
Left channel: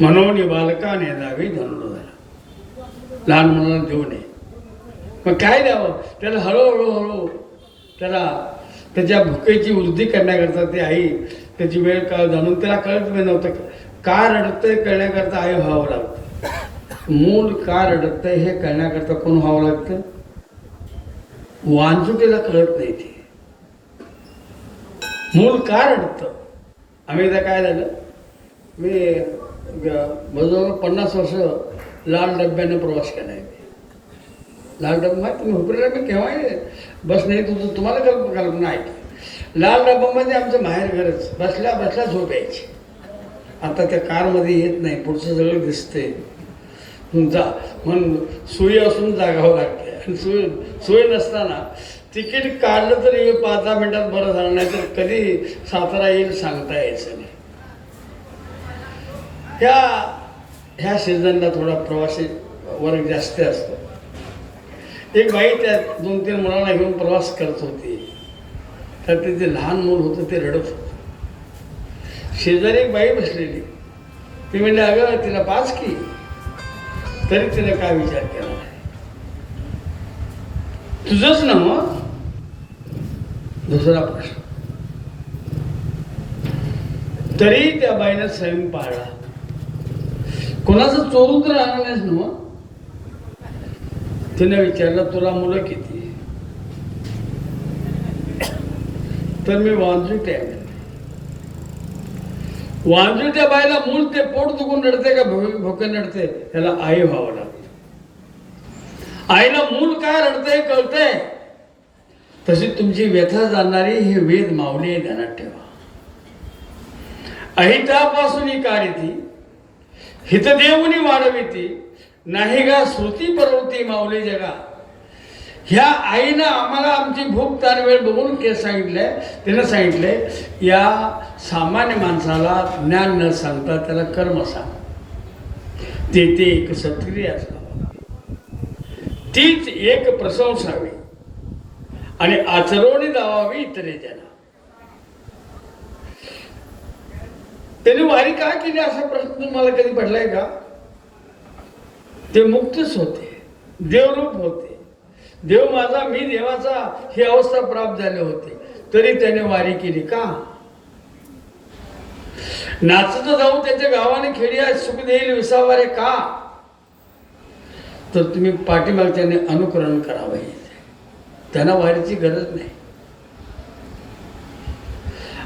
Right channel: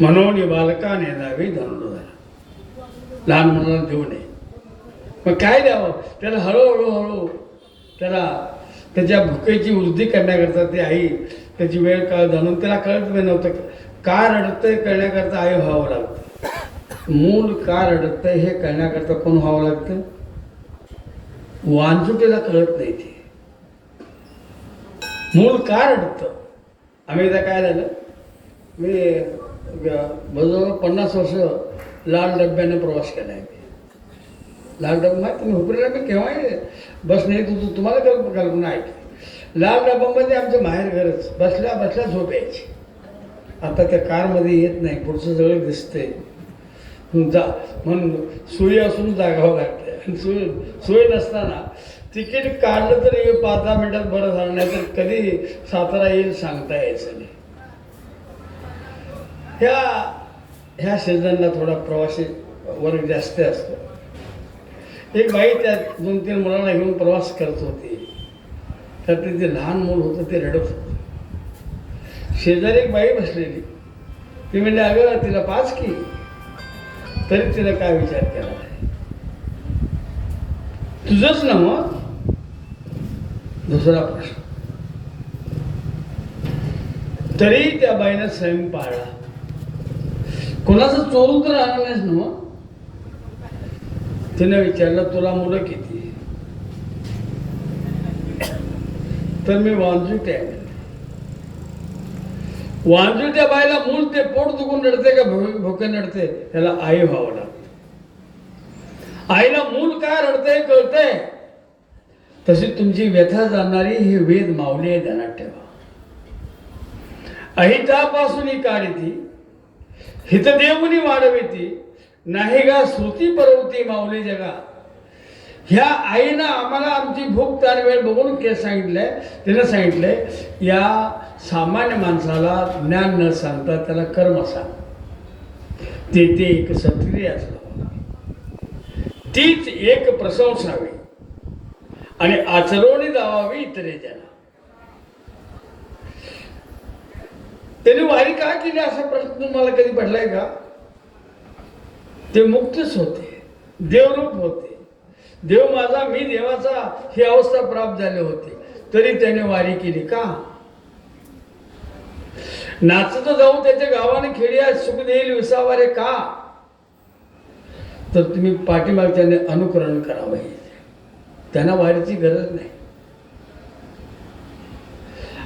म्हणून बालकाने द्यावी धनुर्धर, लहान मुलाला देऊ नये. मग काय द्यावं त्याला, हळूहळू त्याला त्याच्या भुकेची वृद्धी करण्याकरता ते आई त्याची वेळ काळ जाणून त्याला कळत नव्हतं का रडतंय कळण्याकरता आई व्हावं लागतं. मूल का रडतंय हे कळण्याकरता कोण व्हावं लागतं, वांजुटीला कळत नाही ते मूल का रडतं. आम्ही एकदा काय झालं, मी जवळजवळ 50 वर्ष लाल डब्याने प्रवास केला आहे. लाल डब्बा तुम्ही हुकलेला मी केव्हा बस नाही, तुम्हाला कल्पना आहे. लाल डब्यामध्ये आमचं माहेर घरच, बसल्या बसल्या झोप यायची. आता त्या कारमध्ये येत नाही, पुढचं सगळं दिसते. म्हणून सोयी असून जागावं लागते. आणि सोय नसताना तिकीट काढलं तरी 5-10 मिनिटात बरं झालं, नाही तर कधी सातारा येईल सांगता यायचं नाही. ह्या सीझनला थोडा प्रवासी वर्ग जास्त असतो. एक बाई त्या 2-3 मुलांना घेऊन प्रवास करत होती, तर तिथे लहान मूल होतं ते रडत होतं. शेजारी एक बाई बसलेली, ती म्हणजे अगं तिला पाच की, तरी तिने काय विचार केला नाही. तुझंच ना मग. दुसरा प्रश्न, तरी त्या बाईनं संयम पाळला. कोणाचं चोरून तर राहणार नाहीस ना. तिने विचारलं तुला मुलं किती, तर मी वांजुटे आहे. वांजुट्या बाईला मूल ते पोट दुखून रडते का भोके रडते, त्याला आई व्हावं लागतं. आईला मूल काय रडतंय कळतंय. तशी तुमची व्यथा जाणणारी हे वेद माऊली ध्यानात ठेवा. अहितापासून ही काढिती हितदेवनी वाढविती, नाही गा श्रुती परवती माऊली जगा. ह्या आईनं आम्हाला आमची भूक तार वेळ बघून सांगितलंय. त्यानं सांगितलंय या सामान्य माणसाला ज्ञान न सांगता त्याला कर्म सांग. ते एक सत्क्रिय असणार, तीच एक प्रशंसावी आणि आचरणी लावावी इतरेच्या. त्यांनी वारी का केली असा प्रश्न तुम्हाला कधी पडलाय का. ते मुक्तच होते, देवरूप होते. देव माझा मी देवाचा ही अवस्था प्राप्त झाली होती, तरी त्याने वारी केली का. नाचत जाऊ त्याच्या गावाने खेड्या सुख देईल विसावारे का. तर तुम्ही पाठीमागच्याने अनुकरण करावं. त्यांना वारीची गरज नाही.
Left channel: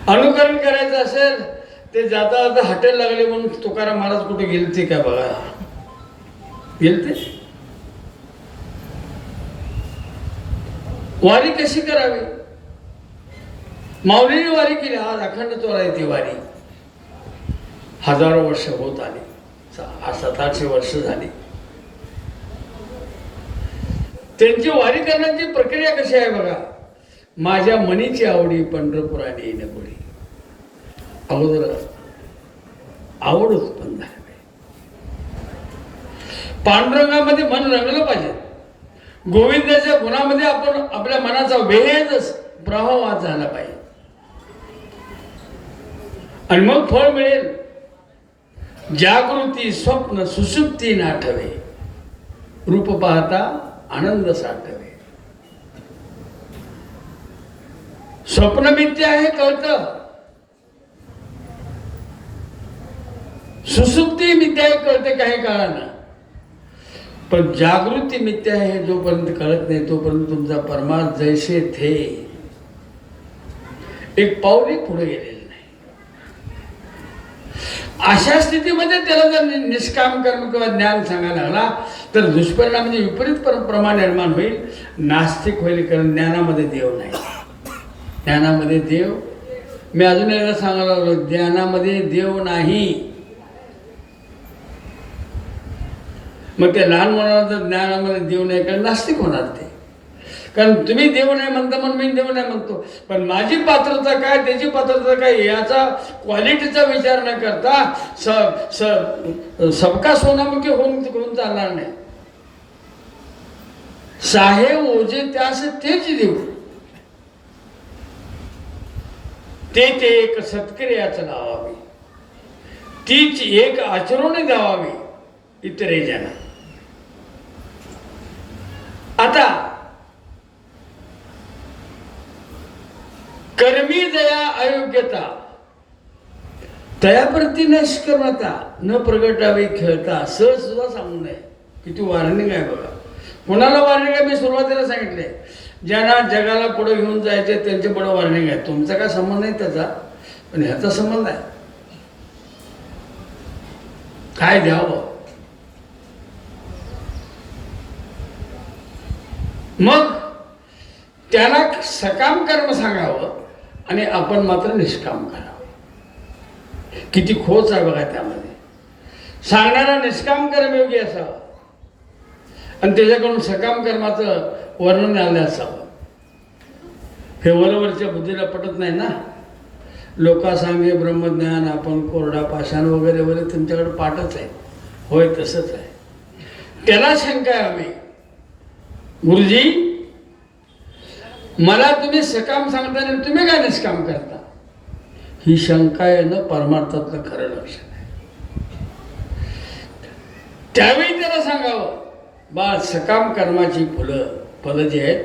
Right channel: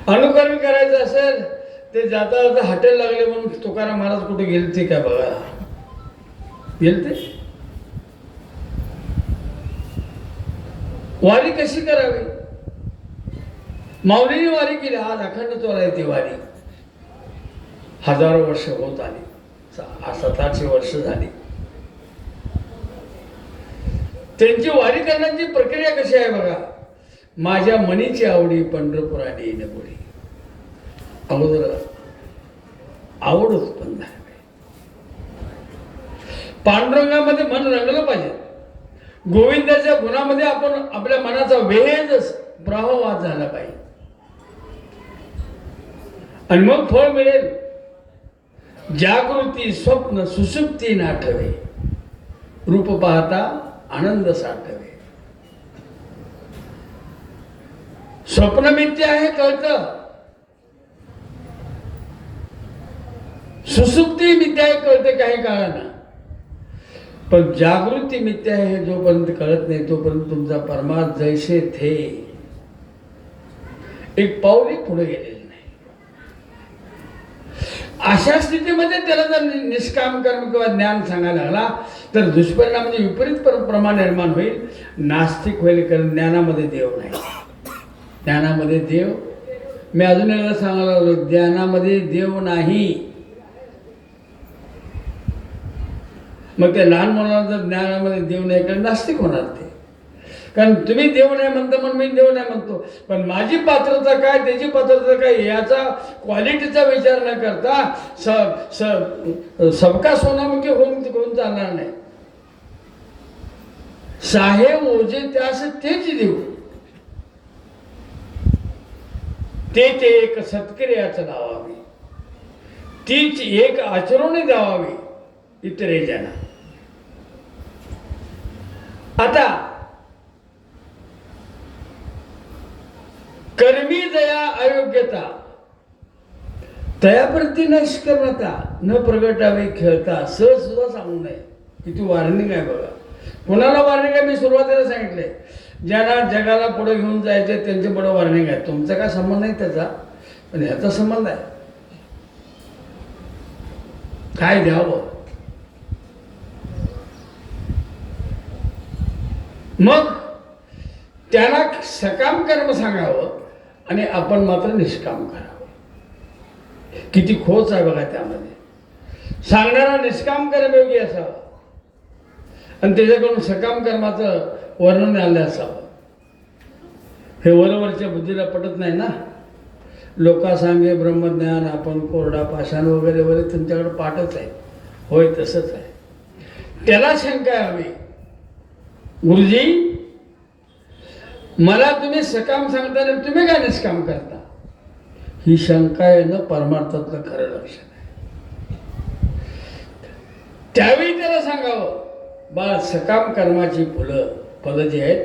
अनुकरण करायचं असेल ते जाता जाता हॉटेल लागले म्हणून तुकाराम महाराज कुठे गेलते का बघा. गेलते. वारी कशी करावी. माऊलीने वारी केली. आज अखंड चोर आहे ती वारी. हजारो वर्ष होत आली, 700-800 वर्ष झाली. त्यांची वारी करण्याची प्रक्रिया कशी आहे बघा. माझ्या मनीची आवडी पंढरपुराने येणं पुढे. अगोदर आवड उत्पन्न झाली. पांडुरंगामध्ये मन रंगलं पाहिजे. गोविंदाच्या गुणामध्ये आपण आपल्या मनाचा वेध प्रवाह झाला पाहिजे आणि मग फळ मिळेल. जागृती स्वप्न सुषुप्ती नाठवे, रूप पाहता आनंद साठवे. स्वप्न मिथ्या आहे कळतं, सुसुप्ती मिथ्या आहे कळते काही काळानं. पण जागृती मिथ्या आहे जोपर्यंत कळत नाही तोपर्यंत तुमचा परमार्थ जैसे थे एक पाऊल पुढे गेलेलं नाही. अशा स्थितीमध्ये त्याला जर निष्काम कर्म किंवा ज्ञान सांगायला लागला तर दुष्परिणाम म्हणजे विपरीत प्रमा निर्माण होईल. नास्तिक होईल, कारण ज्ञानामध्ये देव नाही. ज्ञानामध्ये देव, मी अजून एकदा सांगायला लागलो, ज्ञानामध्ये देव नाही. मग त्या लहान मुलांना जर ज्ञानामध्ये देव नाही कारण नास्तिक होणार ते. कारण तुम्ही देव नाही म्हणता म्हणून मी देव नाही म्हणतो, पण माझी पात्रता काय त्याची पात्रता काय याचा क्वालिटीचा विचार न करता सबका सोनामुखी होऊन चालणार नाही. साहेब ओझे त्यास तेच देऊ, ते एक सत्क्रियाचं लावावे, तीच एक आचरण द्यावावी इतरे जना. आता कर्मी जया अयोग्यता तयाप्रती निष्कर्मता न प्रगटावे खेळता सहज सुद्धा सांगू नये. किती वॉर्निंग आहे बघा. कोणाला वॉर्निंग आहे? मी सुरुवातीला सांगितलंय, ज्यांना जगाला पुढे घेऊन जायचे त्यांचे पुढे वॉर्निंग आहे. तुमचा काय संबंध नाही त्याचा, पण ह्याचा संबंध आहे. काय द्यावं? मग त्यांना सकाम कर्म सांगावं आणि आपण मात्र निष्काम करावं. किती खोच आहे बघा त्यामध्ये. सांगणारा निष्काम कर्मयोगी असावा आणि त्याच्याकडून सकाम कर्माचं वर्णन आलं असावं. हे वरवरच्या बुद्धीला पटत नाही ना. लोका सांगे ब्रह्मज्ञान आपण कोरडा पाषाण वगैरे वगैरे तुमच्याकडे पाठच आहे. होय तसंच आहे. त्याला शंका हवी, गुरुजी मला तुम्ही सकाम सांगता आणि तुम्ही काय निष्काम करता? ही शंका येणं परमार्थातलं खरं लक्षण आहे. त्यावेळी त्याला सांगावं, बाळ सकाम कर्माची फलं जी आहेत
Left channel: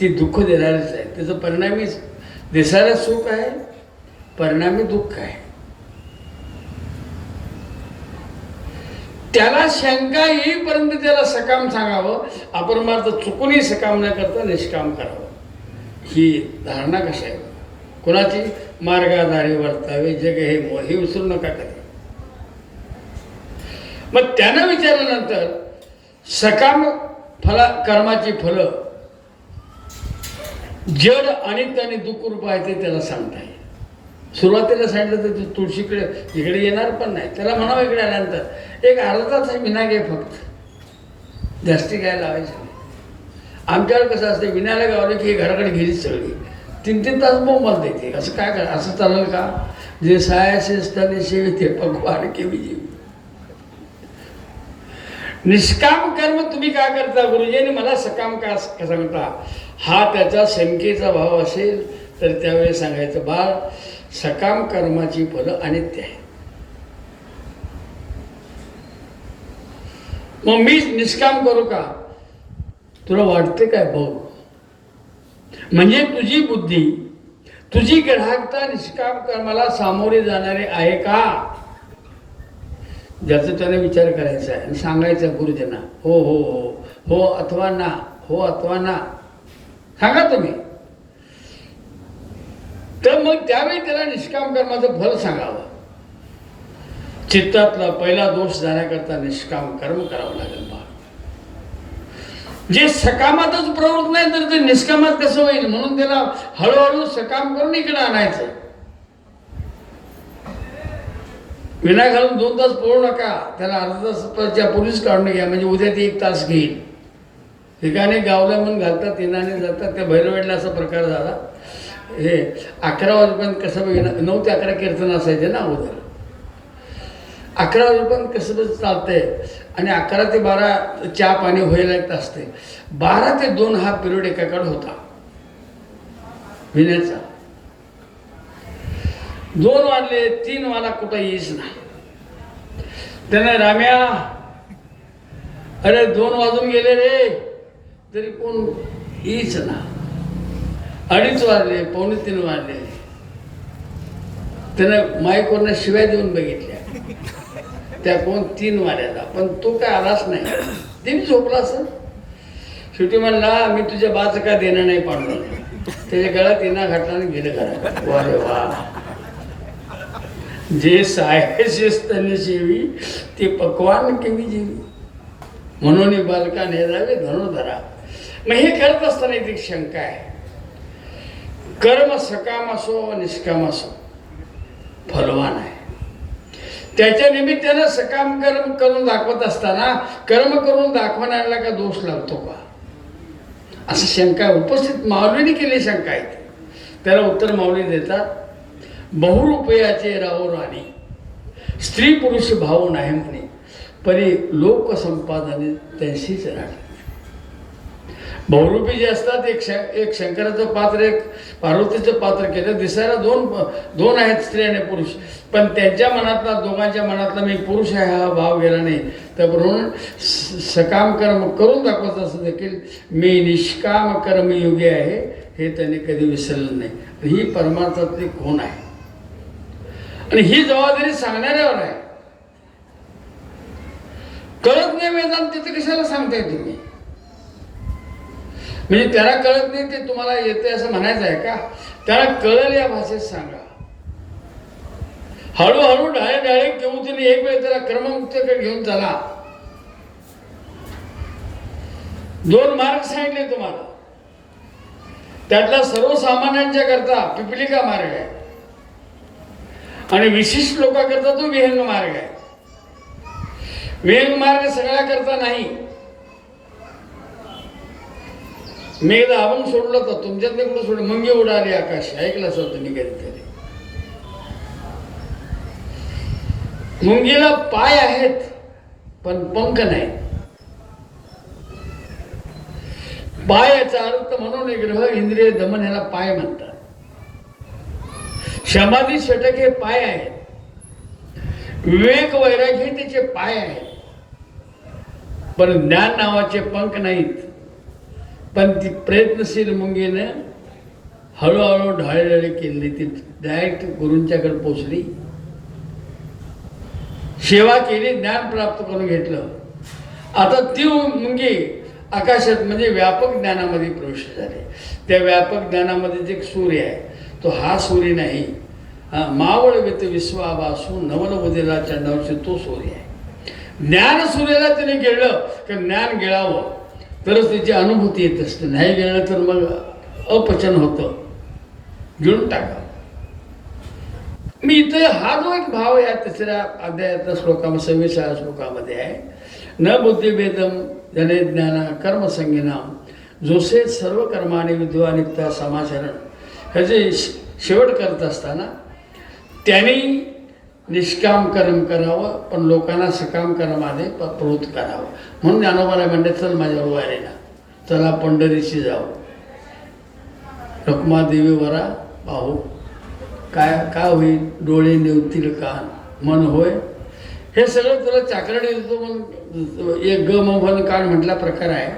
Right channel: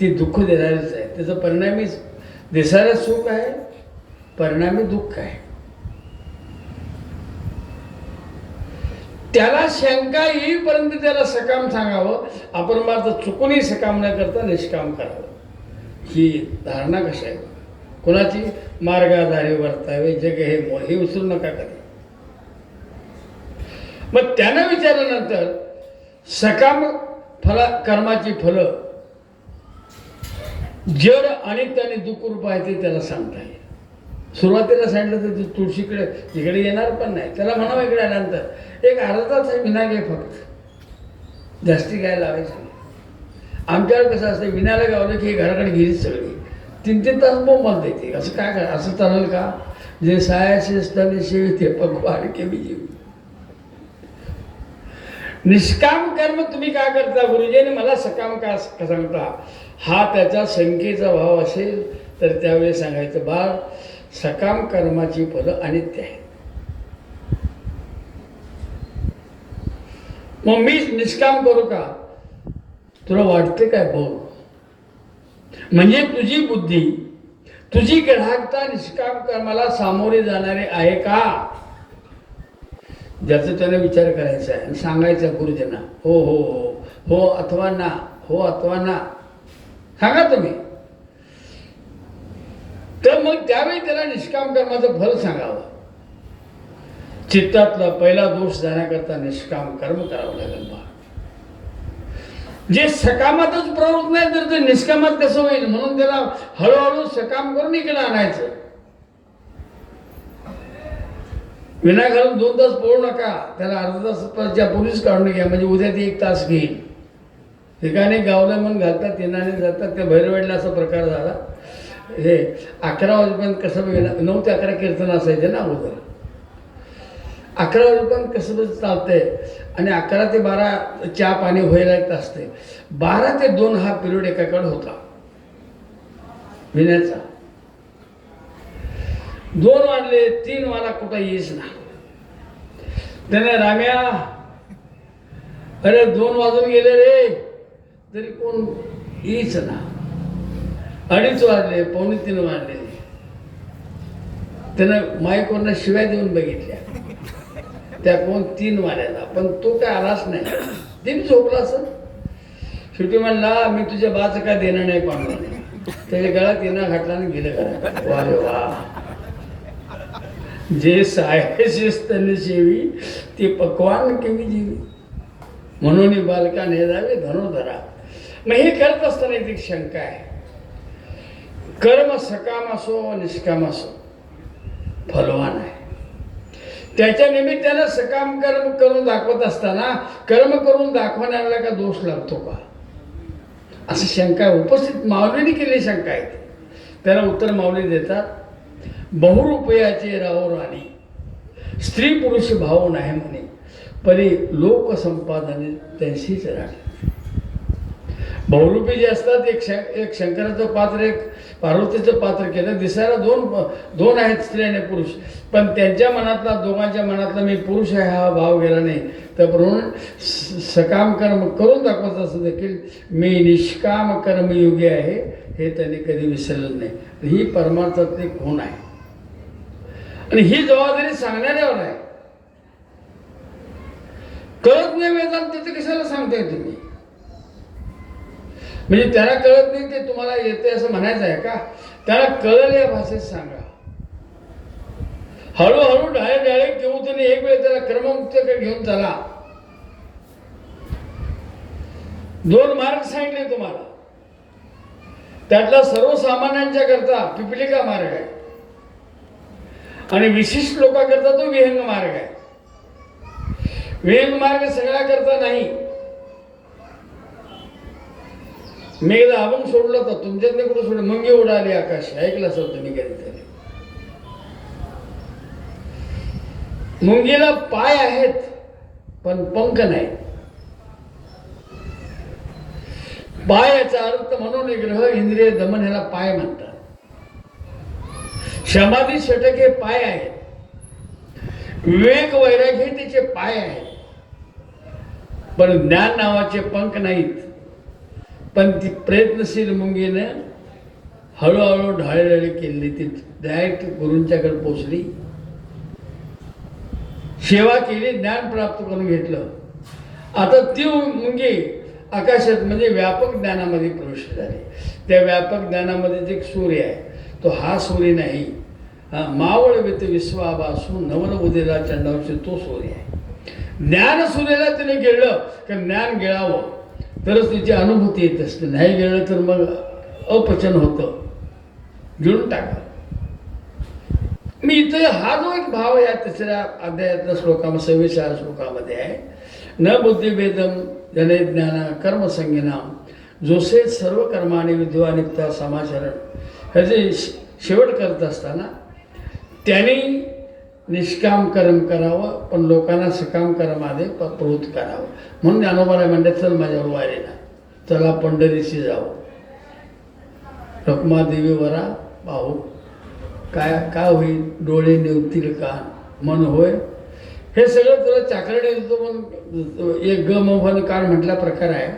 ती दुःख देणारीच आहे. त्याचं परिणामी दिसायला सुख आहे, परिणामी दुःख आहे. त्याला शंका येईपर्यंत त्याला सकाम सांगावं. आपण मात्र चुकूनही सकाम न करता निष्काम करावं. ही धारणा कशी आहे? कोणाची? मार्गाधारी वर्तावे जग हे मोह, हे विसरू नका कधी. मग त्यानं विचारल्यानंतर सकाम कर्माची फलं जड अनित्य आणि दुःख रूप आहे ते त्याला सांगता येईल. सुरुवातीला सांगितलं तर तुळशीकडे इकडे येणार पण नाही. त्याला म्हणावं इकडे आल्यानंतर एक अर्धा तास विना घे, फक्त जास्ती काय लावायचं नाही. आमच्याकडे कसं असतं, विनाला गावलं की घराकडे गेलीच सगळी. 3-3 तास मोबाईल देते. असं काय करा? असं चालेल का? जे सायाशी असताना शिवते भगवान केवी जीव. निष्काम कर्म तुम्ही काय करता? गुरुजीने मला सकाम का सांगता? हा त्याचा शंकेचा भाव असेल तर त्यावेळेस सांगायचं, बाळ सकाम कर्माची फलं अनित्य आहे. मग मी निष्काम करू का? तुला वाटते काय भाऊ? म्हणजे तुझी बुद्धी, तुझी ग्राहकता निष्काम कर्माला सामोरे जाणारे आहे का? ज्याचा त्याने विचार करायचा आहे आणि सांगायचं गुरुजना, हो हो हो, हो अथवा ना, हो अथवा ना सांगा तुम्ही. तर मग त्यावेळी त्याला निष्काम कर्माचं फल सांगावं. चित्तातला पहिला दोष जाण्याकरता निष्काम कर्म करावं लागेल. जे सकामातच प्रवृत्त नाही तर ते निष्कामात कसं होईल? म्हणून त्याला हळूहळू सकाम करून इकडे आणायचं. विना घालून 2 तास पळू नका. त्याला अर्धा तासाच्या पूर्वीच काढून घ्या, म्हणजे उद्या ते 1 तास घेईल. ठिकाणी गावलं म्हणून घालतात, येणाने जातात. त्या भैरवेडला असा प्रकार झाला. हे 11 वाजेपर्यंत कसं 9 ते 11 कीर्तन असायचे ना अगोदर. 11 वाजेपर्यंत कसं चालतंय आणि 11 ते 12 चहा पाणी व्हायला येत असते. 12 ते 2 हा पिरियड एकाकडे होता पिण्याचा. 2 वाजले, 3 वाजला, कुठं येईच नाही. त्याने राम्या, अरे 2 वाजून गेले रे, तरी कोण येईच ना. 2:30 वाजले, 2:45 वाजले. त्यानं माईकवरनं शिव्या देऊन बघितल्या. त्या कोण 3 वाजल्याला, पण तो काय आलाच नाही. तिने झोपला असं. शेवटी म्हणला, मी तुझ्या बाचं काय देणं नाही पाडलं. त्याच्या गळ्यात येणा घातला आणि गेलं घरात. वारे वा, जे सायशीस त्यांनी शेवी ते पकवान केवी जीवी, म्हणून बालकाने झाले धनुधरा. मग हे करत असताना एक शंका आहे. कर्म सकाम असो निष्काम असो फलवान आहे. त्याच्या निमित्तानं सकाम कर्म करून दाखवत असताना कर्म करून दाखवणाऱ्याला का दोष लागतो का? असं शंका उपस्थित माऊलीने केली शंका आहे. त्याला उत्तर माऊली देतात, बहुरूपयाचे राहो राणी, स्त्री पुरुष भाव नाही म्हणे, परी लोक संपादने त्यांशीच राहतात. बहुरूपी जे असतात, एक शंकराचं पात्र, एक पार्वतीचं पात्र केलं. दिसायला दोन आहेत, स्त्री आणि पुरुष, पण त्यांच्या मनातला, दोघांच्या मनातला मी पुरुष आहे हा भाव गेला नाही. तर म्हणून सकाम कर्म करून दाखवत असं देखील मी निष्काम कर्मयोगी आहे हे त्यांनी कधी विसरलं नाही. ही परमार्थातली खूण आहे आणि ही जबाबदारी सांगणाऱ्यावर आहे. कळत नाही वेदांत तिथे कशाला सांगताय तुम्ही? म्हणजे त्याला कळत नाही ते तुम्हाला येते असं म्हणायचं आहे का? त्याला कळलं या भाषेत सांगा. हळूहळू डाळे घेऊन तुम्ही एक वेळ त्याला कर्ममुक्तीकडे घेऊन चला. 2 मार्ग सांगितले तुम्हाला. त्यातला सर्वसामान्यांच्या करता पिपलिका मार्ग आहे आणि विशिष्ट लोकांकरता तो विहंग मार्ग आहे. विहंग मार्ग सगळ्या करता नाही. मी एकदा अभंग सोडलं तर तुमच्यातले कुठं सोडलं, मुंगी उडाली आकाश, ऐकलं असं तुम्ही कधीतरी. मुंगीला पाय आहेत पण पंख नाही. पाय याचा अर्थ मनोनिग्रह, इंद्रिय दमन ह्याला पाय म्हणतात. समाधी षटक हे पाय आहेत. विवेक वैराग्य हे त्याचे पाय आहेत. पण ज्ञान नावाचे पंख नाहीत. पण ती प्रयत्नशील मुंगीनं हळूहळू ढाळेढाळी केली. ती डायरेक्ट गुरूंच्याकडे पोचली, सेवा केली, ज्ञान प्राप्त करून घेतलं. आता ती मुंगी आकाशात म्हणजे व्यापक ज्ञानामध्ये प्रवेश झाले. त्या व्यापक ज्ञानामध्ये एक सूर्य आहे, तो हा सूर्य नाही. मावळ व्यत विश्वावासू नवल उदिला चंडावशी तो सूर्य आहे. ज्ञान सूर्याला त्याने गिळलं की ज्ञान गिळावं तरच त्याची अनुभूती येत असते. नाही गिळलं तर मग अपचन होतं, गिळून टाका. मी इथे हा जो एक भाव या 3ऱ्या अध्यायातल्या श्लोकामध्ये 26व्या श्लोकामध्ये आहे, न बुद्धिभेदम जने ज्ञान कर्मसंगिनाम जोसे सर्व कर्माने विद्वानिकता समाचरण. ह्याचे शेवट करत असताना त्यांनी निष्काम कर्म करावं पण लोकांना सकाम कर्माने प्रवृत्त करावं. म्हणून ज्ञानोबाला म्हणते, चल माझ्या वारीला, चला पंढरीशी जाऊ, रखुमादेवी वरा पाहू. काय होईल? डोळे नेवतील कान, मन होय. हे सगळं तुला चाकरडे देतो म्हणून एक ग मन कान म्हटला प्रकार आहे,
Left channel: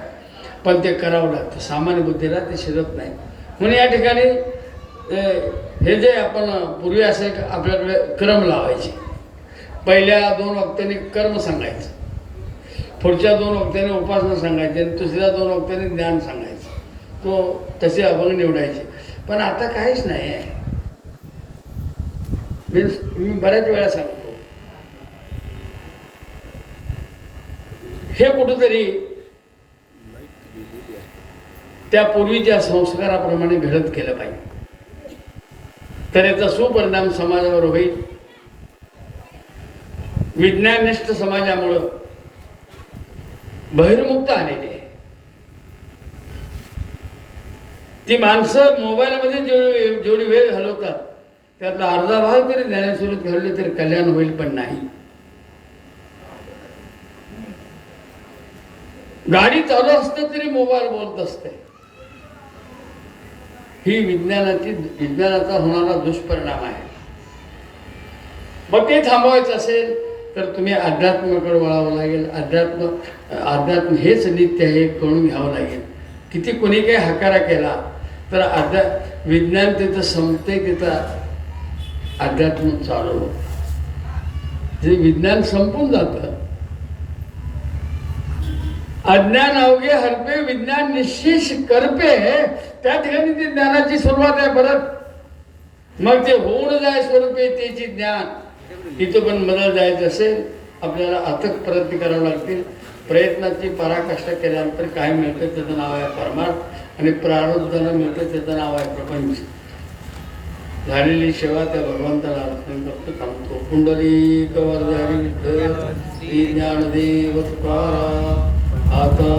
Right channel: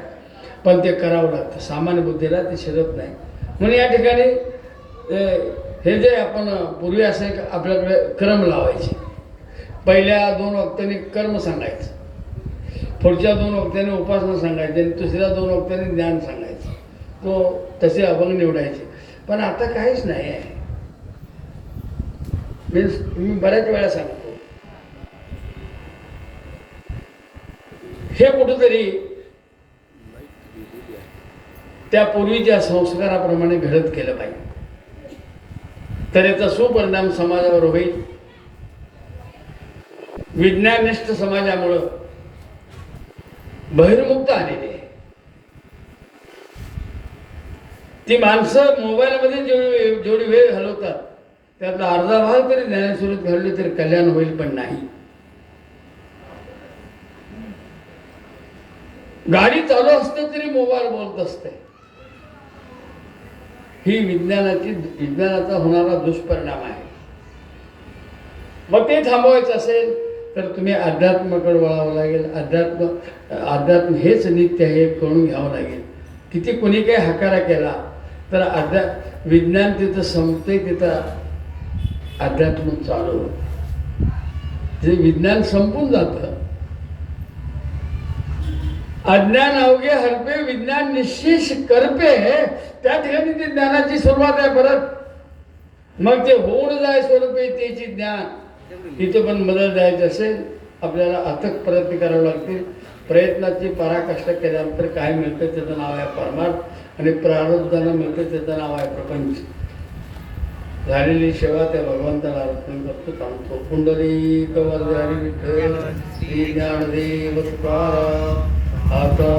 पण ते करावं लागतं. सामान्य बुद्धीला ते शिरत नाही. म्हणून या ठिकाणी हे जे आपण पूर्वी असे आपल्याकडे क्रम लावायचे. पहिल्या 2 वक्त्यांनी कर्म सांगायचं, पुढच्या 2 वक्त्यांनी उपासना सांगायची आणि तिसऱ्या 2 वक्त्यांनी ज्ञान सांगायचं. तो तसे अभंग निवडायचे. पण आता काहीच नाही आहे. मी बऱ्याच वेळा सांगतो, हे कुठंतरी त्या पूर्वीच्या संस्काराप्रमाणे घडत केलं पाहिजे, तर याचा सुपरिणाम समाजावर होईल. विज्ञाननिष्ठ समाजामुळं बहिर्मुक्त आलेली आहे. ती माणसं मोबाईलमध्ये जेवढी वेळ घालवतात त्यातला अर्धा भाग तरी ज्ञानेश्वरीत घडले तरी कल्याण होईल, पण नाही. गाडी चालू असते तरी मोबाईल बोलत असते. ही विज्ञानाचा होणारा दुष्परिणाम आहे. मग ते थांबवायचं असेल तर तुम्ही अध्यात्माकडे वळावं लागेल. अध्यात्म हेच नित्य आहे कळून घ्यावं लागेल. किती कोणी काही हकारा केला तर विज्ञान तिथं संपते, तिथं अध्यात्म चालू. जे विज्ञान संपून जातं. अज्ञान अवघे हरपे विज्ञान निश्चिश करपे, त्या ठिकाणी ती ज्ञानाची सुरुवात आहे परत. मग ते होऊन जाय स्वरूपे त्याची ज्ञान. तिथं पण बदल जायचं असेल आपल्याला अथक प्रयत्न करावे लागतील. प्रयत्नाची पराकाष्ठा केल्यानंतर काय मिळतं त्याचं नाव आहे परमार्थ आणि प्रारब्धाला मिळतं त्याचं नाव आहे प्रपंच. झालेली सेवा त्या भगवंताला अर्पण करतो. थांबतो. कुंडली कवरधारी विठ्ठल श्री ज्ञानदेव तुकाराम. आता